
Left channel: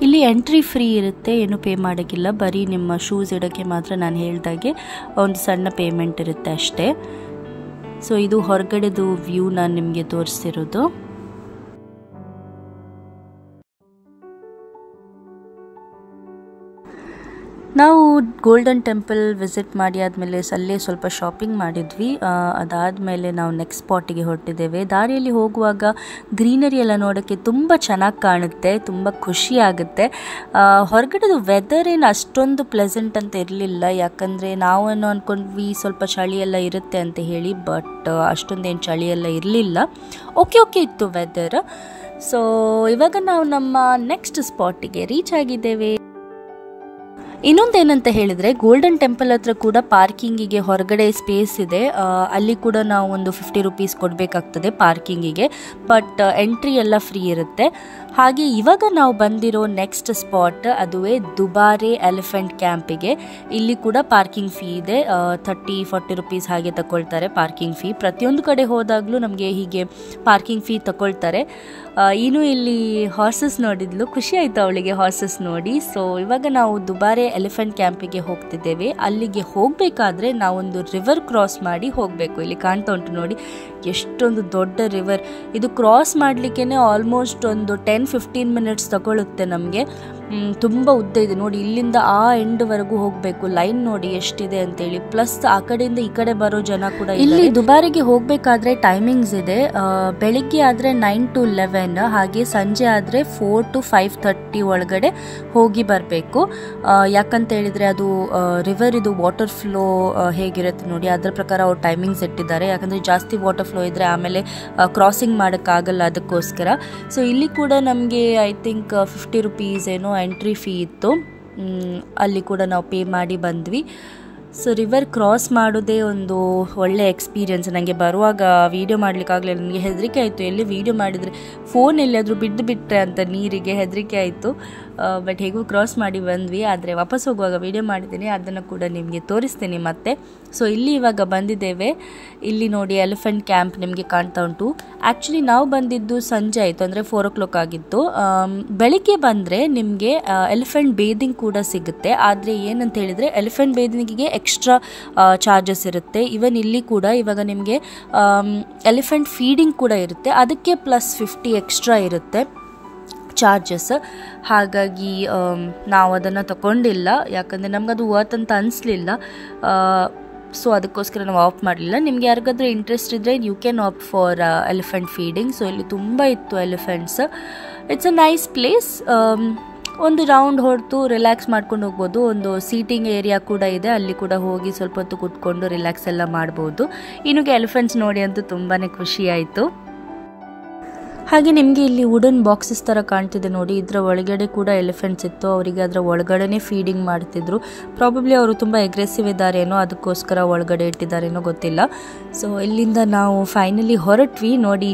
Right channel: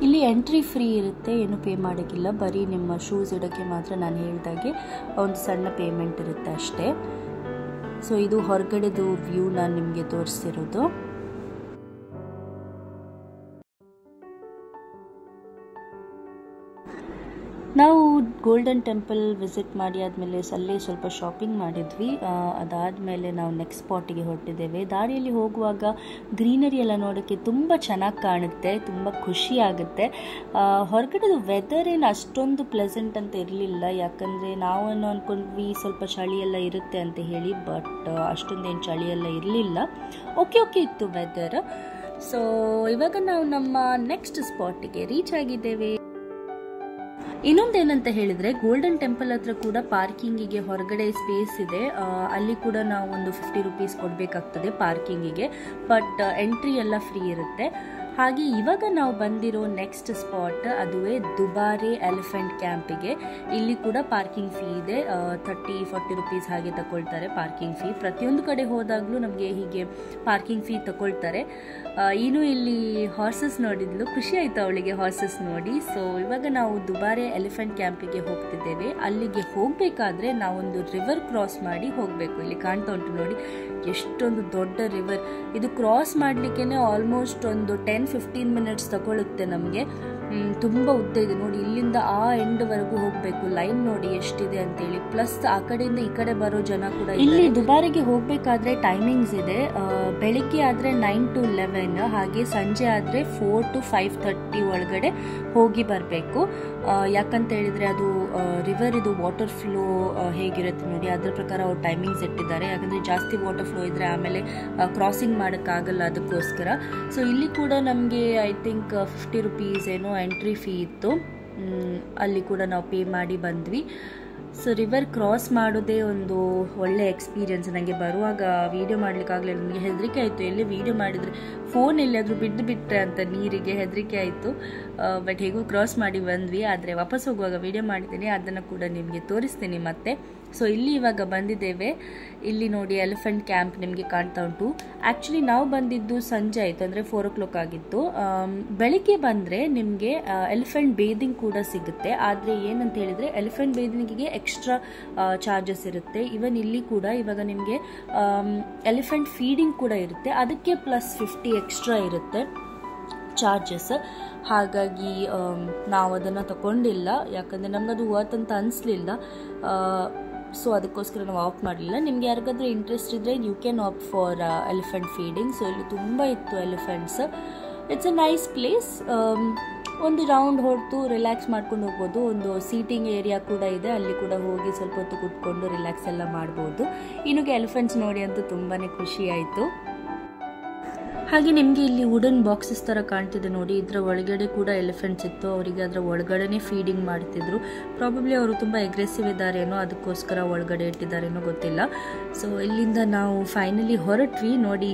ಇಲ್ಲಿ ಎಂಟ್ರಿ ಫ್ರೀ ಇರುತ್ತೆ, ಏನು ಪೇ ಮಾಡೋಕ್ಕಿಲ್ಲ. ಬರೀ ನಿಮ್ಮ ಶೂಸ್ ಇಡೋಕ್ಕೆ ಮಾತ್ರ ನಾನು ಹೇಳ್ದಾಗೆ ಒಂದು ಸಣ್ಣ ಪೇಮೆಂಟ್ ಇರುತ್ತೆ ಅಷ್ಟೇ. ಸೊ ಇದು ಹೊರಗಡೆದು ವ್ಯೂ ನಾನು ನಿಮಗೆ ತೋರಿಸ್ತಿರೋದು. ನಾವು ಗೋಲ್ಡನ್ ಟೆಂಪಲ್ ವಿಸಿಟ್ ಮಾಡಿ ಆದಮೇಲೆ ಅಲ್ಲೇ ಸ್ವಲ್ಪ ಶಾಪಿಂಗ್ ಮಾಡಿದ್ವಿ. ಅದಾದಮೇಲೆ ನಾವು ನೆಕ್ಸ್ಟ್ ಸ್ಪಾಟಿಗೆ ಹೊರಟಿದ್ದೇವೆ. ದಾರಿಯಲ್ಲಿ ಹೋಗುವಾಗ ಗ್ರೀನರಿ ಎಲ್ಲ ನೋಡೋಕ್ಕೆ ತುಂಬ ಚೆನ್ನಾಗಿ ಕಾಣುತ್ತೆ, ತುಂಬ ಖುಷಿ ಆಗುತ್ತೆ. ಹೊರಗಡೆದು ವೆದರ್ ಏನು ಅಷ್ಟೊಂದು ಪ್ಲೆಸೆಂಟ್ ಅಂತ ಇರಲಿಲ್ಲ, ಯಾಕಂದರೆ ನಾವೇನೋ ಅಂದ್ಕೊಂಡ್ವಿ ಸ್ವಲ್ಪ ಚಳಿ ಎಲ್ಲ ಇರುತ್ತೆ ಅಂತ ಹೇಳಿ. ಬಟ್ ಅಷ್ಟೊಂದೇನು ಚಳಿ ಎಲ್ಲ ಇರಲಿಲ್ಲ, ಓಕೆ ಇತ್ತು ವೆದರ್. ಸೊ ಇವಾಗ ನಾವು ನಮ್ಮ ನೆಕ್ಸ್ಟ್ ಸ್ಪಾಟಿಗೆ ರೀಚ್ ಆಗಿದ್ದೇವೆ. ಇನ್ನೊಂದೇನಂತ ಹೇಳಿದರೆ, ಗೋಲ್ಡನ್ ಟೆಂಪಲ್ ಹತ್ರ ಕೂಡ ಪಾರ್ಕಿಂಗಿಗೆ ಹೊರಗಡೆ ಸ್ಪೇಸ್ ಇದೆ. ಅಲ್ಲಿ ಕೂಡ ನಾವು ಒಂದು ₹50 ಕೊಡಬೇಕಾಗ್ತದೆ ಪಾರ್ಕಿಂಗಿಗೆ. ಬಟ್ ಎಂಟ್ರಿ ಎಲ್ಲ ಫ್ರೀ ಇರುತ್ತೆ. ಹಾಗೆ ಇವಾಗ ನಾವು ಬಂದಿರೋ ನೆಕ್ಸ್ಟ್ ಸ್ಪಾಟ್ ಅದುವೇ ದುಬಾರೆ ಎಲಿಫೆಂಟ್ ಕ್ಯಾಂಪಿಗೆ. ಇಲ್ಲಿ ಕೂಡ ಪಾರ್ಕಿಂಗ್ ಫೀ ಇದೆ. ₹30-40 ಹಾಗೆ ತಗೊಳ್ತಾರೆ ಪಾರ್ಕಿಂಗ್ ಫೀ. ಪ್ರತಿಯೊಂದು ಕಡೆ ಹೋದಾಗಲೂ ನಮಗೆ ಹೀಗೆ ಪಾರ್ಕಿಂಗ್ ಫೀ ತಗೊಳ್ತಾರೆ. ಇನ್ನು ಇಲ್ಲಿ ಹಾರ್ಸಸ್ ನೋಡಿದ್ಲು, ಖುಷಿ ಆಯಿತು ಅವಳಿಗೆ ಹಾರ್ಸಸ್ ನೋಡಿ. ಸೊ ಇವಾಗ ನಾವು ದುಬಾರೆ ಎಲಿಫೆಂಟ್ ಕ್ಯಾಂಪಿಗೆ ಹೋಗ್ತಿದ್ದೇವೆ. ಅಲ್ಲಿಗೆ ಹೋಗಬೇಕಾದ್ರೆ ನಾವೊಂದು ರಿವರ್ ಕ್ರಾಸ್ ಮಾಡಿ ಹೋಗಬೇಕು. ಇಲ್ಲಿ ಕಾಣ್ತಾ ಉಂಟು ನೋಡಿ, ಎಷ್ಟೊಂದು ದೊಡ್ಡ ರಿವರ್. ಇದು ಕ್ರಾಸ್ ಮಾಡಲಿಕ್ಕೆ ಆಲ್ಮೋಸ್ಟ್ ಒಂದು 10-15 ಮಿನಿಟ್ಸ್ ತಗೊಳ್ಳುತ್ತೆ ನಮಗೆ. ತುಂಬ ಉದ್ದ ಇದೆ ನೋಡಿ. ಇಲ್ಲಿಂದ ಆ ಎಂಡ್ವರೆಗೂ ಹೋಗಬೇಕು. ಲೈನ್ ನೋಡಿ ಎಷ್ಟಿದೆ ಅಂತೇಳಿ. ಪ್ಲಸ್ ಆ ಕಡೆಯಿಂದ ಈ ಕಡೆ ಬರೋ ಜನ ಕೂಡ. ಇಲ್ಲಿ ದುಬಾರಿಗೆ ಹೋಗಬೇಕಾದ್ರೆ ಟೈಮಿಂಗ್ಸ್ ಇದೆ. ಬೆಳಿಗ್ಗೆ ಆದರೆ 9 to 11, ಹಾಗೆ ಸಂಜೆ ಆದರೆ 4 to 5:30 ಒಳಗಡೆ ಹೋಗಿ ಬರಬೇಕು. ಯಾಕಂತ ಹೇಳಿದರೆ ಅದು ರಿವರ್ ಇದು ವಾಟರ್ ಫ್ಲೋ ಹೇಗಿರುತ್ತೆ ನೋಡಿ, ಅದರ ಪ್ರಕಾರ ಅವ್ರು ಟೈಮಿಂಗ್ಸ್ ಇಟ್ಟಿದ್ದಾರೆ. ಯಾಕಂದರೆ ಜಾಸ್ತಿ ವಾಟರ್ ಫ್ಲೋ ಇದ್ದರೆ ಆಮೇಲೆ ಕ್ರಾಸಿಂಗ್ ಮಾಡೋಕ್ಕಾಗಲ್ಲ, ಅದಕ್ಕೋಸ್ಕರ. ಸೊ ಇಲ್ಲಿ ಕೂಡ ನಮಗೆ ಐ ಥಿಂಕ್ ₹50 ಏನೋ ಎಂಟ್ರಿ ಫೀ ಇತ್ತು. ಅಲ್ಲಿ ಕೂಡ ನಾವು ಪೇ ಮಾಡಿ ಬಂದ್ವಿ. ಸೊ ರಿವರ್ ಕ್ರಾಸ್ ಮಾಡೋದೇ ಒಂದು ಒಳ್ಳೆ ಎಕ್ಸ್ಪೀರಿಯನ್ಸ್. ನನಗೆ ಬರುವಾಗ ವೀಡಿಯೋ ಮಾಡಲಿಕ್ಕಾಗಲಿಲ್ಲ, ನನಗೆ ಹೆದರಿಕೆ ಆಯಿತು. ಎಲ್ಲಿ ವೀಡಿಯೋ ಮಾಡಿದರೆ ಫೋನ್ ಎಲ್ಲಿಯಾದರೂ ಬಿಟ್ಟರೆ ಅಂತ ನೀರಿಗೆ ಹೆದರಿಕೆ ಆಯಿತು. ಬಟ್ ಹೇಗೂ ಕ್ರಾಸ್ ಮಾಡಿ ಬಂದ್ವಿ. ಆದರೆ ವಾಪಸ್ ಹೋಗುವಾಗ ವೀಡಿಯೋ ಮಾಡಿದ್ದೀನಿ, ಅದನ್ನು ಕೂಡ ನಿಮಗೆ ತೋರಿಸ್ತೀನಿ ಮತ್ತೆ. ಸೊ ಇಲ್ಲಿ ಇವಾಗ ಬಂದಿದ್ದೇವೆ. ಇಲ್ಲಿ ನೋಡಿ ಎಲಿಫೆಂಟ್ ಕ್ಯಾಂಪ್ ನಿಮಗೆ ಕಾಣ್ತಾ ಉಂಟು. ಆ್ಯಕ್ಚುಲಿ ನಾವು ಬಂದಿದ್ದು ಸಂಜೆ ಆಯಿತು, ಅಂದರೆ 4 o'clock ಆಗಿತ್ತು. ಬೆಳಿಗ್ಗೆ ಬಂದರೆ ನಿಮಗೆ ಎಲಿಫೆಂಟ್ ಬೇದಿಂಗ್ ಕೂಡ ಸಿಗುತ್ತೆ. ಆದರೆ ಏನಂತ ಹೇಳಿದರೆ ಎಲಿಫೆಂಟ್ ಬೇದಿಂಗಿಗೆ ಎಕ್ಸ್ಟ್ರಾ ಚಾರ್ಜಸ್ ಇರುತ್ತೆ. ಇವನ್ ಇಲ್ಲಿ ಕೂಡ ಇವಾಗ ನಿಮಗೆ ಎಲಿಫೆಂಟ್ ಫೀಡಿಂಗ್ ಕೂಡ ಇರುತ್ತೆ, ಅದಕ್ಕೆ +50 ಎಕ್ಸ್ಟ್ರಾ ಇರುತ್ತೆ ಚಾರ್ಜಸ್. ಹಾಗಾಗಿ ನಾವು ಅದನ್ನು ತಗೊಂಡಿಲ್ಲ, ಯಾಕಂದರೆ ನಮಗದು ವರ್ತ್ ಅಂತ ಅನಿಸ್ಲಿಲ್ಲ. ಸೊ ಅದಕ್ಕೋಸ್ಕರ ನಾವು ಆಫ್ ಮಾಡಲಿಲ್ಲ. ನಿಮ್ಗೆ ಯಾರಿಗಾದ್ರೂ ಇಂಟ್ರೆಸ್ಟ್ ಇದ್ದರೆ you can opt for elephant feeding. So ಇಲ್ಲಿ ತುಂಬ ಇತ್ತು elephants. It's a nice place. ಒಂದು ರೌಂಡ್ ಹೊರತು ರಿಲ್ಯಾಕ್ಸ್ ಮಾಡ್ಕೊಂಡು ಹೋಗ್ಬೋದು. ಒಂದು ಸೀಟಿಂಗ್ ಏರಿಯಾ ಕೂಡ ಇದೆ, ಅಲ್ಲಿ ಕೂಡ ಹೋಗಿ ಸ್ವಲ್ಪ ಹೊತ್ತು ಕೂತ್ಕೊಂಡು ರಿಲ್ಯಾಕ್ಸ್ ಎಲ್ಲ ಮಾಡ್ಬೋದು. ಇನ್ನೂ ಎಲಿಫೆಂಟ್ಸ್ ನೋಡಿ ಅಂತೂ ತುಂಬಾ ಖುಷಿ ಆಯಿತು. ಹಾಗೆ ನಿಮಗೆ ಇಲ್ಲಿ ವುಡನ್ ಬಾಕ್ಸಸ್ ಥರ ಕಾಣ್ತಿದೆ ನೋಡಿ, ಇದರ ಒಳಗಡೆ ಕೂಡ ಎಲಿಫೆಂಟ್ಸ್ ಇತ್ತು. ಅವರಿಗೆ ಅದರ ಒಳಗಡೆನೇ ಫೀಡಿಂಗ್ ಮಾಡ್ತಿದ್ರು. ಪ್ರಾಬಬ್ಲಿ ಅವರು ತುಂಬ ಅಗ್ರೆಸಿವ್ ಇದ್ದಾರೇನೋ, ಅದಕ್ಕೋಸ್ಕರ ಒಳಗಡೆ ಇಟ್ಟಿದ್ದಾರೇನೋ ಗೊತ್ತಿಲ್ಲ. ಸೊ ಇಲ್ಲಿಂದ ನಾವು ಫೈನಲಿ ಹೊರಟ್ವಿ. ನೋಡಿ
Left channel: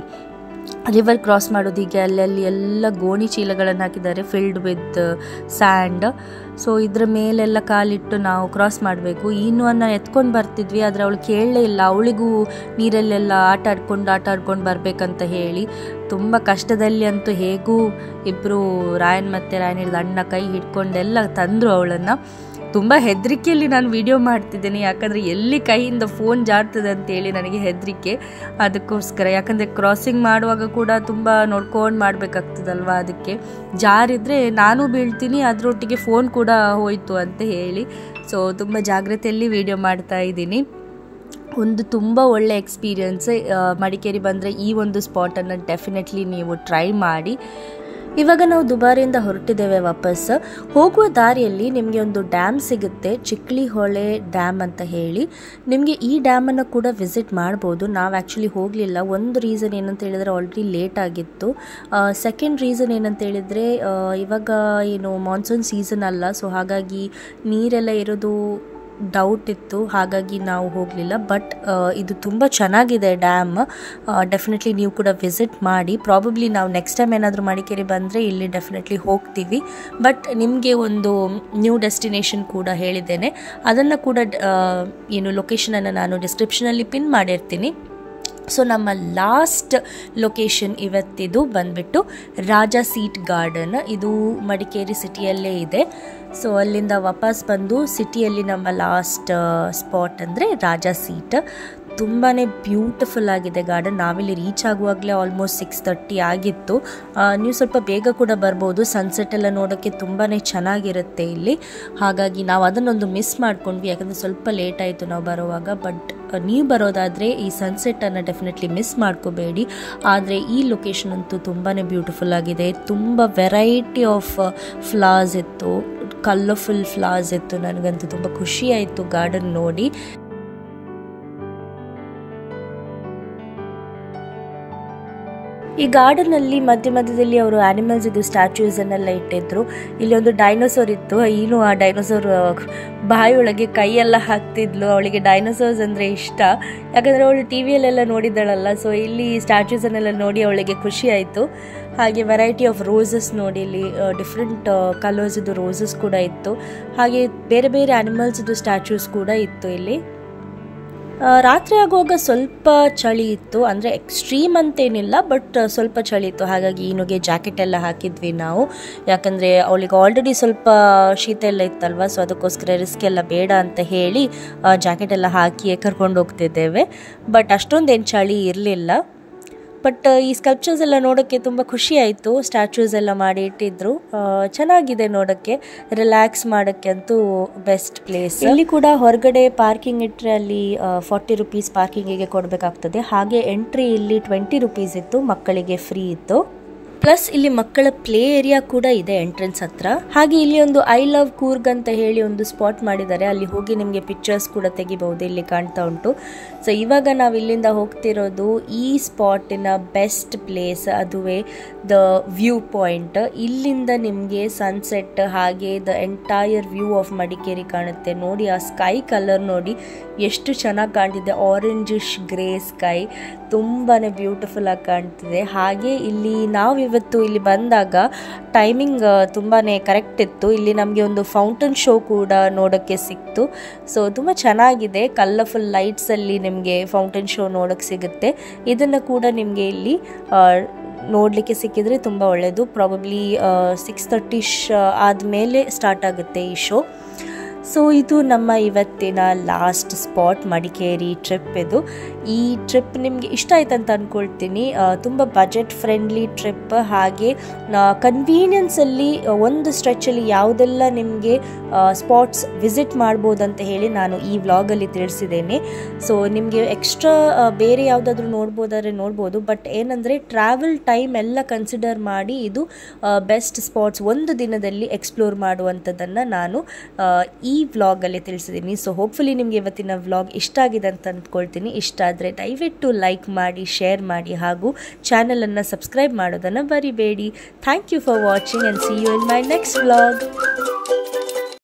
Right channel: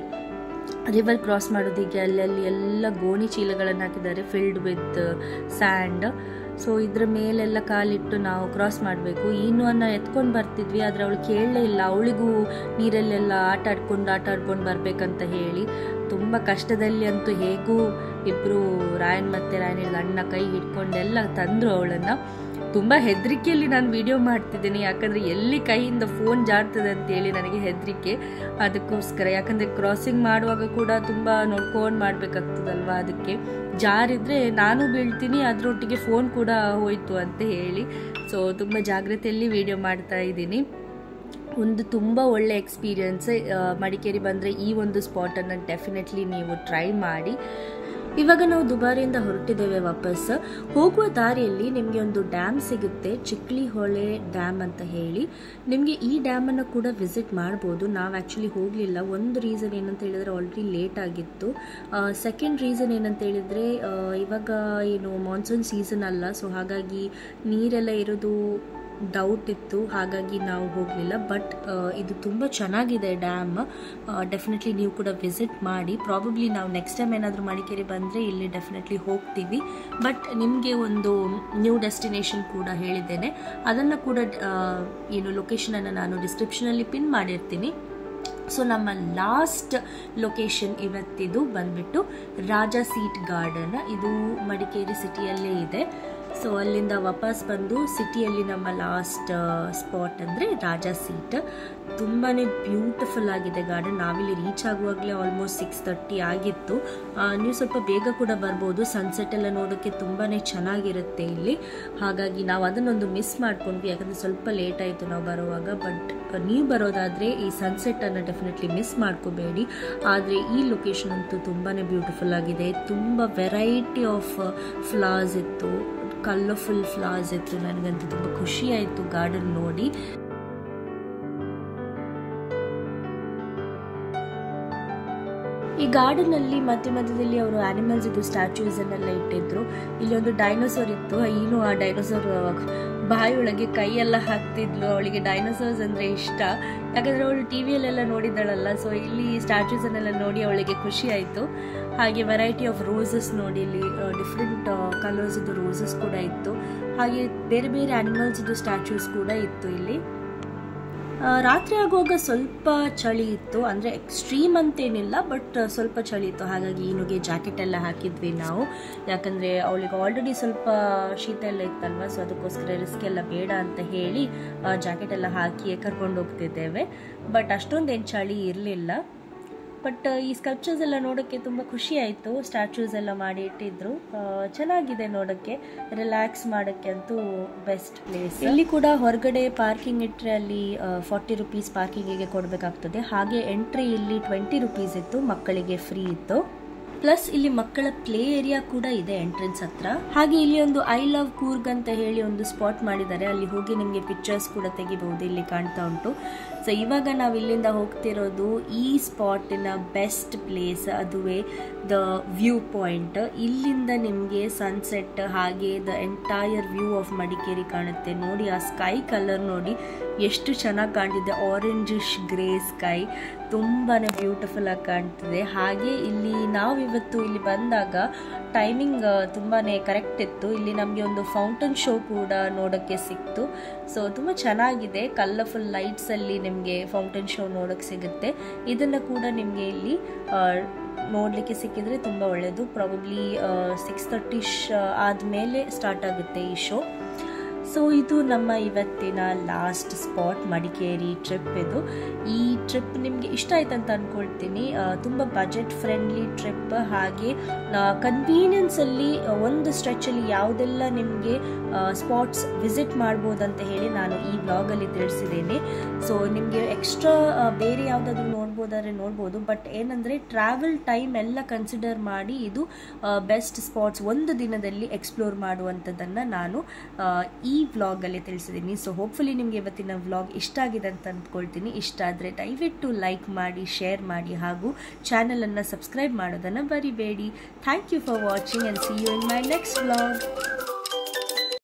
ರಿವರ್ ಕ್ರಾಸ್ ಮಾಡೋದೀಗೆ ಅಲ್ಲಲ್ಲಿ ಎಲ್ಲ ಗೋಣಿ ಚೀಲಗಳನ್ನು ಹಾಕಿದ್ದಾರೆ ಫಿಲ್ಡ್ ವಿತ್ ಸ್ಯಾಂಡ್. ಸೊ ಇದ್ರ ಮೇಲೆಲ್ಲ ಕಾಲಿಟ್ಟು ನಾವು ಕ್ರಾಸ್ ಮಾಡಬೇಕು. ಈನುವನ್ನು ಎತ್ಕೊಂಡು ಬರ್ತಿದ್ವಿ, ಆದರೆ ಅವಳು ಕೇಳಲೇ ಇಲ್ಲ. ಅವಳಿಗೂ ನೀರಲ್ಲೆಲ್ಲ ಆಟ ಆಡ್ಕೊಂಡು ಬರಬೇಕಂತ ಹೇಳಿ ತುಂಬ ಕಷ್ಟದಲ್ಲಿ ಅಂತೂ ಹೇಗೂ ಇಬ್ಬರು ರಾಯನ್ ಮತ್ತು ರಾಯನಿದ ಅಣ್ಣ ಕೈ ಹಿಡ್ಕೊಂಡೆಲ್ಲ ತಂದರು ಅವಳನ್ನು. ತುಂಬ ಹೆದರಿಕೆಯಲ್ಲಿ ನಾನು ವಿಡಿಯೋ ಮಾಡ್ತಿದ್ದೀನಿ, ಯಾಕಂದರೆ ಎಲ್ಲಿ ಕೈಯಿಂದ ಫೋನ್ ಜಾಡ್ತದೆ ಅಂತೇಳಿ ನನಗೆ ಹೆದರಿಕೆ. ಅದಕ್ಕೋಸ್ಕರ, ಯಾಕಂದರೆ ಕ್ರಾಸಿಂಗ್ ಮಾಡುವಾಗ ಕೂಡ ತುಂಬ ನೋಡ್ಕೊಂಡು ಮಾಡಬೇಕಾಗ್ತದಲ್ವ, ಅದಕ್ಕೆ ಜಾರಿದ್ರೆ ನಾನು ಬೀಳ್ತೀನಿ, ಅದರೊಟ್ಟಿಗೆ ಫೋನ್ ಕೂಡ ಹೋಯಿತು ಅಂತ ಹೇಳಿ. ಸೊ ತುಂಬ ಜಾಗ್ರತೆಯಲ್ಲಿ ವಿಡಿಯೋ ಮಾಡ್ತಾ ಇದ್ದೀನಿ. ಒಂದು ತುಂಬ ಒಳ್ಳೆ ಎಕ್ಸ್ಪೀರಿಯನ್ಸ್. ಮಡಿಕೇರಿ ಬಂದರೆ ಈ ಒಂದು ಸ್ಪಾಟನ್ನು ಡೆಫಿನೆಟ್ಲಿ ನೀವು ಟ್ರೈ ಮಾಡಿ. ಇವಾಗ ನಾವು ದುಬಾರಿಯಿಂದ ಹೊರಟಿದ್ದೇವೆ ವಾಪಸ್. ಹೋಗುವ ದಾರಿಯಲ್ಲಿ ನಿಮಗೆ ಒಂದು ಡ್ಯಾಮ್ ಸಿಗುತ್ತೆ, ಚಿಕ್ಲಿ ಹೊಳೆ ಡ್ಯಾಮ್ ಅಂತ ಹೇಳಿ. ನಿಮಗೆ ಈ ಡ್ಯಾಮನ್ನು ಕೂಡ ವಿಸಿಟ್ ಮಾಡ್ಬೋದು. ನಾವು ಆ್ಯಕ್ಚುಲಿ ಹೋಗಲಿಲ್ಲ. ಒಂದು ರೀಸನ್ ಏನಂತ ಹೇಳಿದರೆ ಆಲ್ರೆಡಿ ಲೇಟ್ ಆಗಿತ್ತು. ಸೆಕೆಂಡ್ ರೀಸನ್ ಏನಂತ ಹೇಳಿದರೆ ಇವಾಗ ಏನು ಮಾನ್ಸೂನ್ ಸೀಸನ್ ಅಲ್ಲ, ಸೊ ಹಾಗಾಗಿ ನೀರೆಲ್ಲ ಇರೋದು ಡೌಟ್ ಇತ್ತು, ಹಾಗಾಗಿ ನಾವು ಹೋಗಲಿಲ್ಲ. ಬಟ್ ಇದು ತುಂಬ ಚೆನ್ನಾಗಿದೆ ಡ್ಯಾಮ್. ಡೆಫಿನೆಟ್ಲಿ ನೀವು ಕೂಡ ವಿಸಿಟ್ ಮಾಡಿ. ಪ್ರಾಬಬ್ಲಿ ನಾವು ನೆಕ್ಸ್ಟ್ ಟೈಮ್ ಏನಾದರೂ ಮಡಿಕೇರಿ ಬಂದರೆ ಇಲ್ಲಿ ಡೆಫಿನೆಟ್ಲಿ ಹೋಗ್ತೀವಿ. ಬಟ್ ನಿಮಗೆ ಒಂದು ನ್ಯೂ ಡೆಸ್ಟಿನೇಷನ್ ಕೂಡ ಹೇಳಿದ್ದೇನೆ, ಅದನ್ನು ಕೂಡ ಏನು ಲೊಕೇಶನನ್ನು ನಾನು ಡಿಸ್ಕ್ರಿಪ್ಷನಲ್ಲಿ ಪಿನ್ ಮಾಡಿರ್ತೀನಿ. ಸೊ ನಮ್ಮ ಲಾಸ್ಟ್ ಲೊಕೇಶನ್ ಇವತ್ತಿದು ಬಂದುಬಿಟ್ಟು ರಾಜಾ ಸೀಟ್ ಗಾರ್ಡನ್. ಇದು ಮಡಿಕೇರಿ ಸಿಟಿಯಲ್ಲೇ ಇದೆ. ಸೊ ಅಲ್ಲಿಂದ ವಾಪಸ್ ಬಂದು ಸಿಟಿಯಲ್ಲಿ ನಮ್ಮ ಲಾಸ್ಟ್ ಸ್ಪಾಟ್ ಅಂದರೆ ರಾಜಾ ಸೀಟ್. ತುಂಬಾ ಬ್ಯೂಟಿಫುಲ್ ಆಗಿದೆ ಗಾರ್ಡನ್. ನಾವಿಲ್ಲಿ ರೀಚ್ ಆಗುವಾಗಲೇ ಆಲ್ಮೋಸ್ಟ್ 6:30 ಆಗಿತ್ತು. ನೀವು ಸ್ವಲ್ಪ ಬೇಗ ಕೂಡ ಬರ್ಬೋದು, ಸನ್ಸೆಟ್ ಎಲ್ಲ ನೋಡೋಕ್ಕೆ ತುಂಬಾ ಚೆನ್ನಾಗಿರುತ್ತೆ ಇಲ್ಲಿ. ಹಾಗಾಗಿ ನಾವು ಅದನ್ನೊಂದು ಮಿಸ್ ಮಾಡ್ಕೊಂಡ್ವಿ, ಯಾಕಂದರೆ ಸ್ವಲ್ಪ ಲೇಟ್ ಆಯಿತು ನಾವು ಬರುವಾಗ. ಬಟ್ ನೀವು ಬರೋದಾದರೆ ಈ ಸನ್ಸೆಟ್ಟನ್ನು ಡೆಫಿನೆಟ್ಲಿ ಮಿಸ್ ಮಾಡ್ಕೋಬೇಡಿ. ಆದರೆ ಈ ಲೊಕೇಶನ್ ಅಂತೂ ತುಂಬಾ ಬ್ಯೂಟಿಫುಲ್ ಆಗಿದೆ. ತುಂಬ ವೆರೈಟಿ ಆಫ್ ಫ್ಲವರ್ಸ್ ಇತ್ತು, ಕಲರ್ಫುಲ್ ಫ್ಲವರ್ಸ್ ಇತ್ತು. ನನಗಂತೂ ತುಂಬ ಖುಷಿ ಆಯಿತು ಗಾರ್ಡನ್ ನೋಡಿ. ಈ ಗಾರ್ಡನಲ್ಲಿ ಮಧ್ಯದಲ್ಲಿ ಅವರು ಆ್ಯನಿಮಲ್ಸ್ ಇದು ಸ್ಟ್ಯಾಚ್ಯೂಸನ್ನೆಲ್ಲ ಇಟ್ಟಿದ್ರು. ಇಲ್ಲಿ ಒಂದು ಡೈನೋಸಾರ್ ಇತ್ತು. ಇನ್ನು ಆ ಡೈನೋಸಾರ್ ಬಾಯಿಯೊಳಗೆ ಕೈಯೆಲ್ಲ ಹಾಕ್ತಿದ್ಲು. ಅವಳಿಗೆ ಡೈನೋಸಾರ್ಸ್ ಅಂದರೆ ಇಷ್ಟ, ಯಾಕಂದರೆ ಅವಳು ಟಿ ವಿಯಲ್ಲೆಲ್ಲ ನೋಡಿದ್ದಾಳಲ್ಲ. ಸೊ ಇಲ್ಲಿ ಸ್ಟ್ಯಾಚ್ಯೂಸನ್ನೆಲ್ಲ ನೋಡಿ ಅವಳಿಗೆ ಖುಷಿ ಆಯಿತು. ಹಾಗೆ ವೆರೈಟಿ ಆಫ್ ರೋಸಸ್ ನೋಡಿ, ಇಲ್ಲಿ ಡಿಫ್ರೆಂಟ್ ಕಲರ್ಸಿದ್ದು ರೋಸಸ್ ಕೂಡ ಇತ್ತು. ಹಾಗೆ ಬೇರೆ ಬೇರೆ ಆ್ಯನಿಮಲ್ಸಿದ್ದು ಸ್ಟ್ಯಾಚ್ಯೂಸ್ ಕೂಡ ಇತ್ತು ಇಲ್ಲಿ. ರಾತ್ರಿ ಆಗುವಾಗ ಸ್ವಲ್ಪ ಚಳಿ ಇತ್ತು, ಅಂದರೆ ಎಕ್ಸ್ಟ್ರೀಮ್ ಅಂತೇನಿಲ್ಲ, ಬಟ್ ಸ್ವಲ್ಪ ಚಳಿ ಇತ್ತು. ಹಾಗಾಗಿ ಈನುಗೆ ಜಾಕೆಟ್ ಎಲ್ಲ ಹಾಕಿದ್ವಿ ನಾವು, ಯಾಕಂದರೆ ಅವಳಿಗೆ ಆಲ್ರೆಡಿ ಸ್ವಲ್ಪ ಶೀತ ಎಲ್ಲ ಇತ್ತಲ್ವ. ಸೊ ಅದಕ್ಕೋಸ್ಕರ ರಿಸ್ಕ್ ಎಲ್ಲ ಬೇಡ ಅಂತ ಹೇಳಿ ಜಾಕೆಟ್ ಎಲ್ಲ ಹಾಕಿ ಕರ್ಕೊಂಡು ಹೋಗ್ತಿದ್ದೇವೆ. ಬಟ್ ಅಷ್ಟೊಂದೇನು ಚಳಿ ಇರಲಿಲ್ಲ. ಬಟ್ ಈ ಸ್ಕಲ್ಪ್ಚರ್ಸ್ ಎಲ್ಲ ನೋಡೋಕ್ಕೆ ತುಂಬ ಖುಷಿ ಆಯಿತು. ಸ್ಟ್ಯಾಚ್ಯೂಸ್ ಎಲ್ಲ ಮಾಡಿ ಇಟ್ಟಿದ್ರು, ಚೆನ್ನಾಗಿದೆ ನೋಡೋಕ್ಕೆ. ರಿಲ್ಯಾಕ್ಸ್ ಮಾಡೋಕ್ಕೆ ಅಂತೂ ಬೆಸ್ಟ್ ಪ್ಲೇಸ್. ಇಲ್ಲಿ ಕೂಡ ಹೊರಗಡೆ ಪಾರ್ಕಿಂಗ್ ಇಟ್ಟರೆ ಅಲ್ಲಿ 40 ರೂಪೀಸ್ ಪಾರ್ಕಿಂಗಿಗೆ ಕೊಡಬೇಕಾಗ್ತದೆ. ಹಾಗೆ ಎಂಟ್ರಿ ಇಲ್ಲಿ 20 ರೂಪೀಸ್ ಇತ್ತು, ಮಕ್ಕಳಿಗೆ ಫ್ರೀ ಇತ್ತು. ಪ್ಲಸ್ ಇಲ್ಲಿ ಮಕ್ಕಳ ಪ್ಲೇ ಏರಿಯಾ ಕೂಡ ಇದೆ ಎಂಟ್ರೆನ್ಸ್ ಹತ್ರ. ಹಾಗೆ ಇಲ್ಲಿ ಒಂದು ಐ ಲವ್ ಕೂರ್ಗ್ ಅಂತ ಹೇಳಿ ಒಂದು ಸ್ಪಾಟ್ ಮಾಡಿದ್ದಾರೆ, ಅಲ್ಲಿ ಹೋಗಿ ನಿಮಗೆ ಪಿಕ್ಚರ್ಸ್ ಕೂಡ ತೆಗಿಬಹುದು, ಇಲ್ಲಿ ಕಾಣ್ತಾ ಉಂಟು. ಸೊ ಇವಾಗ ನಾವು ಇಲ್ಲಿಂದ ಹೋಗ್ತಿರೋದು ಈ ಸ್ಪಾಟಿನ ಬೆಸ್ಟ್ ಪ್ಲೇಸ್, ಅದುವೇ ದ ವ್ಯೂ ಪಾಯಿಂಟ್. ಇಲ್ಲಿಂದ ನಿಮಗೆ ಸನ್ಸೆಟ್ ಹಾಗೆ the entire view of Madikeri ಕಾಣುತ್ತೆ. ನೋಡಿ ಆ ಸ್ಕೈ ಕಲರ್ ನೋಡಿ ಎಷ್ಟು ಚೆನ್ನಾಗಿ ಕಾಣ್ತಿದೆ, ಆರೆಂಜಿಶ್ ಗ್ರೇ ಸ್ಕೈ, ತುಂಬಾ ಬ್ಯೂಟಿಫುಲ್ ಆಗಿ ಕಾಣ್ತಿದೆ. ಹಾಗೆ ಇಲ್ಲಿ ನಾವಿವತ್ತು ಇಲ್ಲಿ ಬಂದಾಗ ಟೈಮಿಂಗ್ ತುಂಬಾ ಕರೆಕ್ಟ್ ಇತ್ತು. ಇಲ್ಲಿ ನಮಗೆ ಒಂದು ಫೌಂಟನ್ ಶೋ ಕೂಡ ನೋಡೋಕ್ಕೆ ಸಿಕ್ತು. ಸೊ ತುಂಬ ಚೆನ್ನಾಗಿದೆ, ಕಲರ್ಫುಲ್ ಲೈಟ್ಸಲ್ಲಿ ನಿಮಗೆ ಫೌಂಟನ್ ಶೋ ನೋಡೋಕ್ಕೆ ಸಿಗುತ್ತೆ. ಇದನ್ನು ಕೂಡ ನಿಮಗೆ ಇಲ್ಲಿ ನೋಡಲಿಕ್ಕೆ ಸಿಕ್ಕಿದರೆ ತುಂಬ ಒಳ್ಳೆಯದು. ಪ್ರಾಬಬ್ಲಿ 6:30 ಆದಮೇಲೆ ಸ್ಟಾರ್ಟ್ ಆಗುತ್ತೆ ಈ ಶೋ. ಸೊ ಇದು ನಮ್ಮ ಇವತ್ತಿನ ಲಾಸ್ಟ್ ಸ್ಪಾಟ್, ಮಡಿಕೇರಿ ಟ್ರಿಪ್. ಇದು ಈ ಟ್ರಿಪ್ ನಿಮಗೆ ಇಷ್ಟ ಆಯ್ತು ಅಂತ ಅಂದ್ಕೊಳ್ತೀನಿ. ತುಂಬ ಬಜೆಟ್ ಫ್ರೆಂಡ್ಲಿ ಟ್ರಿಪ್, ಹಾಗೆ ಕನ್ವೀನಿಯನ್ಸಲ್ಲಿ ಒಂದು ಸ್ಟ್ರೆಚಲ್ಲಿ ಯಾವುದೆಲ್ಲ ನಿಮಗೆ ಸ್ಪಾಟ್ಸ್ ವಿಸಿಟ್ ಮಾಡ್ಬೋದಂತ ಹೇಳಿ ನಾನು ಈ ವ್ಲಾಗಲ್ಲಿ ತಿಳಿಸಿದ್ದೇನೆ. ಸೊ ನಿಮಗೆ ಎಕ್ಸ್ಟ್ರಾ ಬೇರೆ ಯಾವುದಾದ್ರೂ ನೋಡ್ಬೋದಾದ್ರೆ ನೋಡ್ಬೋದು. ಬಟ್ ಏನಂದರೆ ಟ್ರಾವೆಲ್ ಟೈಮ್ ಎಲ್ಲ ಕನ್ಸಿಡರ್ ಮಾಡಿ ಇದು ಬೆಸ್ಟ್ ಸ್ಪಾಟ್ಸ್ ಒಂದು ದಿನದಲ್ಲಿ ಎಕ್ಸ್ಪ್ಲೋರ್ ಮಾಡುವಂಥದ್ದನ್ನು ನಾನು ಈ ವ್ಲಾಗಲ್ಲಿ ತಿಳಿಸಿದ್ದೀನಿ. ಸೊ ಹೋಪ್ಫುಲಿ ನಿಮಗೆ ಇವತ್ತಿನ ವ್ಲಾಗ್ ಇಷ್ಟ ಆಗಿದೆ ಅಂತ ಅಂದ್ಕೊಳ್ತೀನಿ. ಇಷ್ಟ ಆದರೆ ದಯವಿಟ್ಟು ಲೈಕ್ ಮಾಡಿ, ಶೇರ್ ಮಾಡಿ, ಹಾಗೂ ಚಾನಲನ್ನು ಸಬ್ಸ್ಕ್ರೈಬ್ ಮಾಡೋದನ್ನು ಮರಿಬೇಡಿ. Thank you for watching and see you in my next vlog.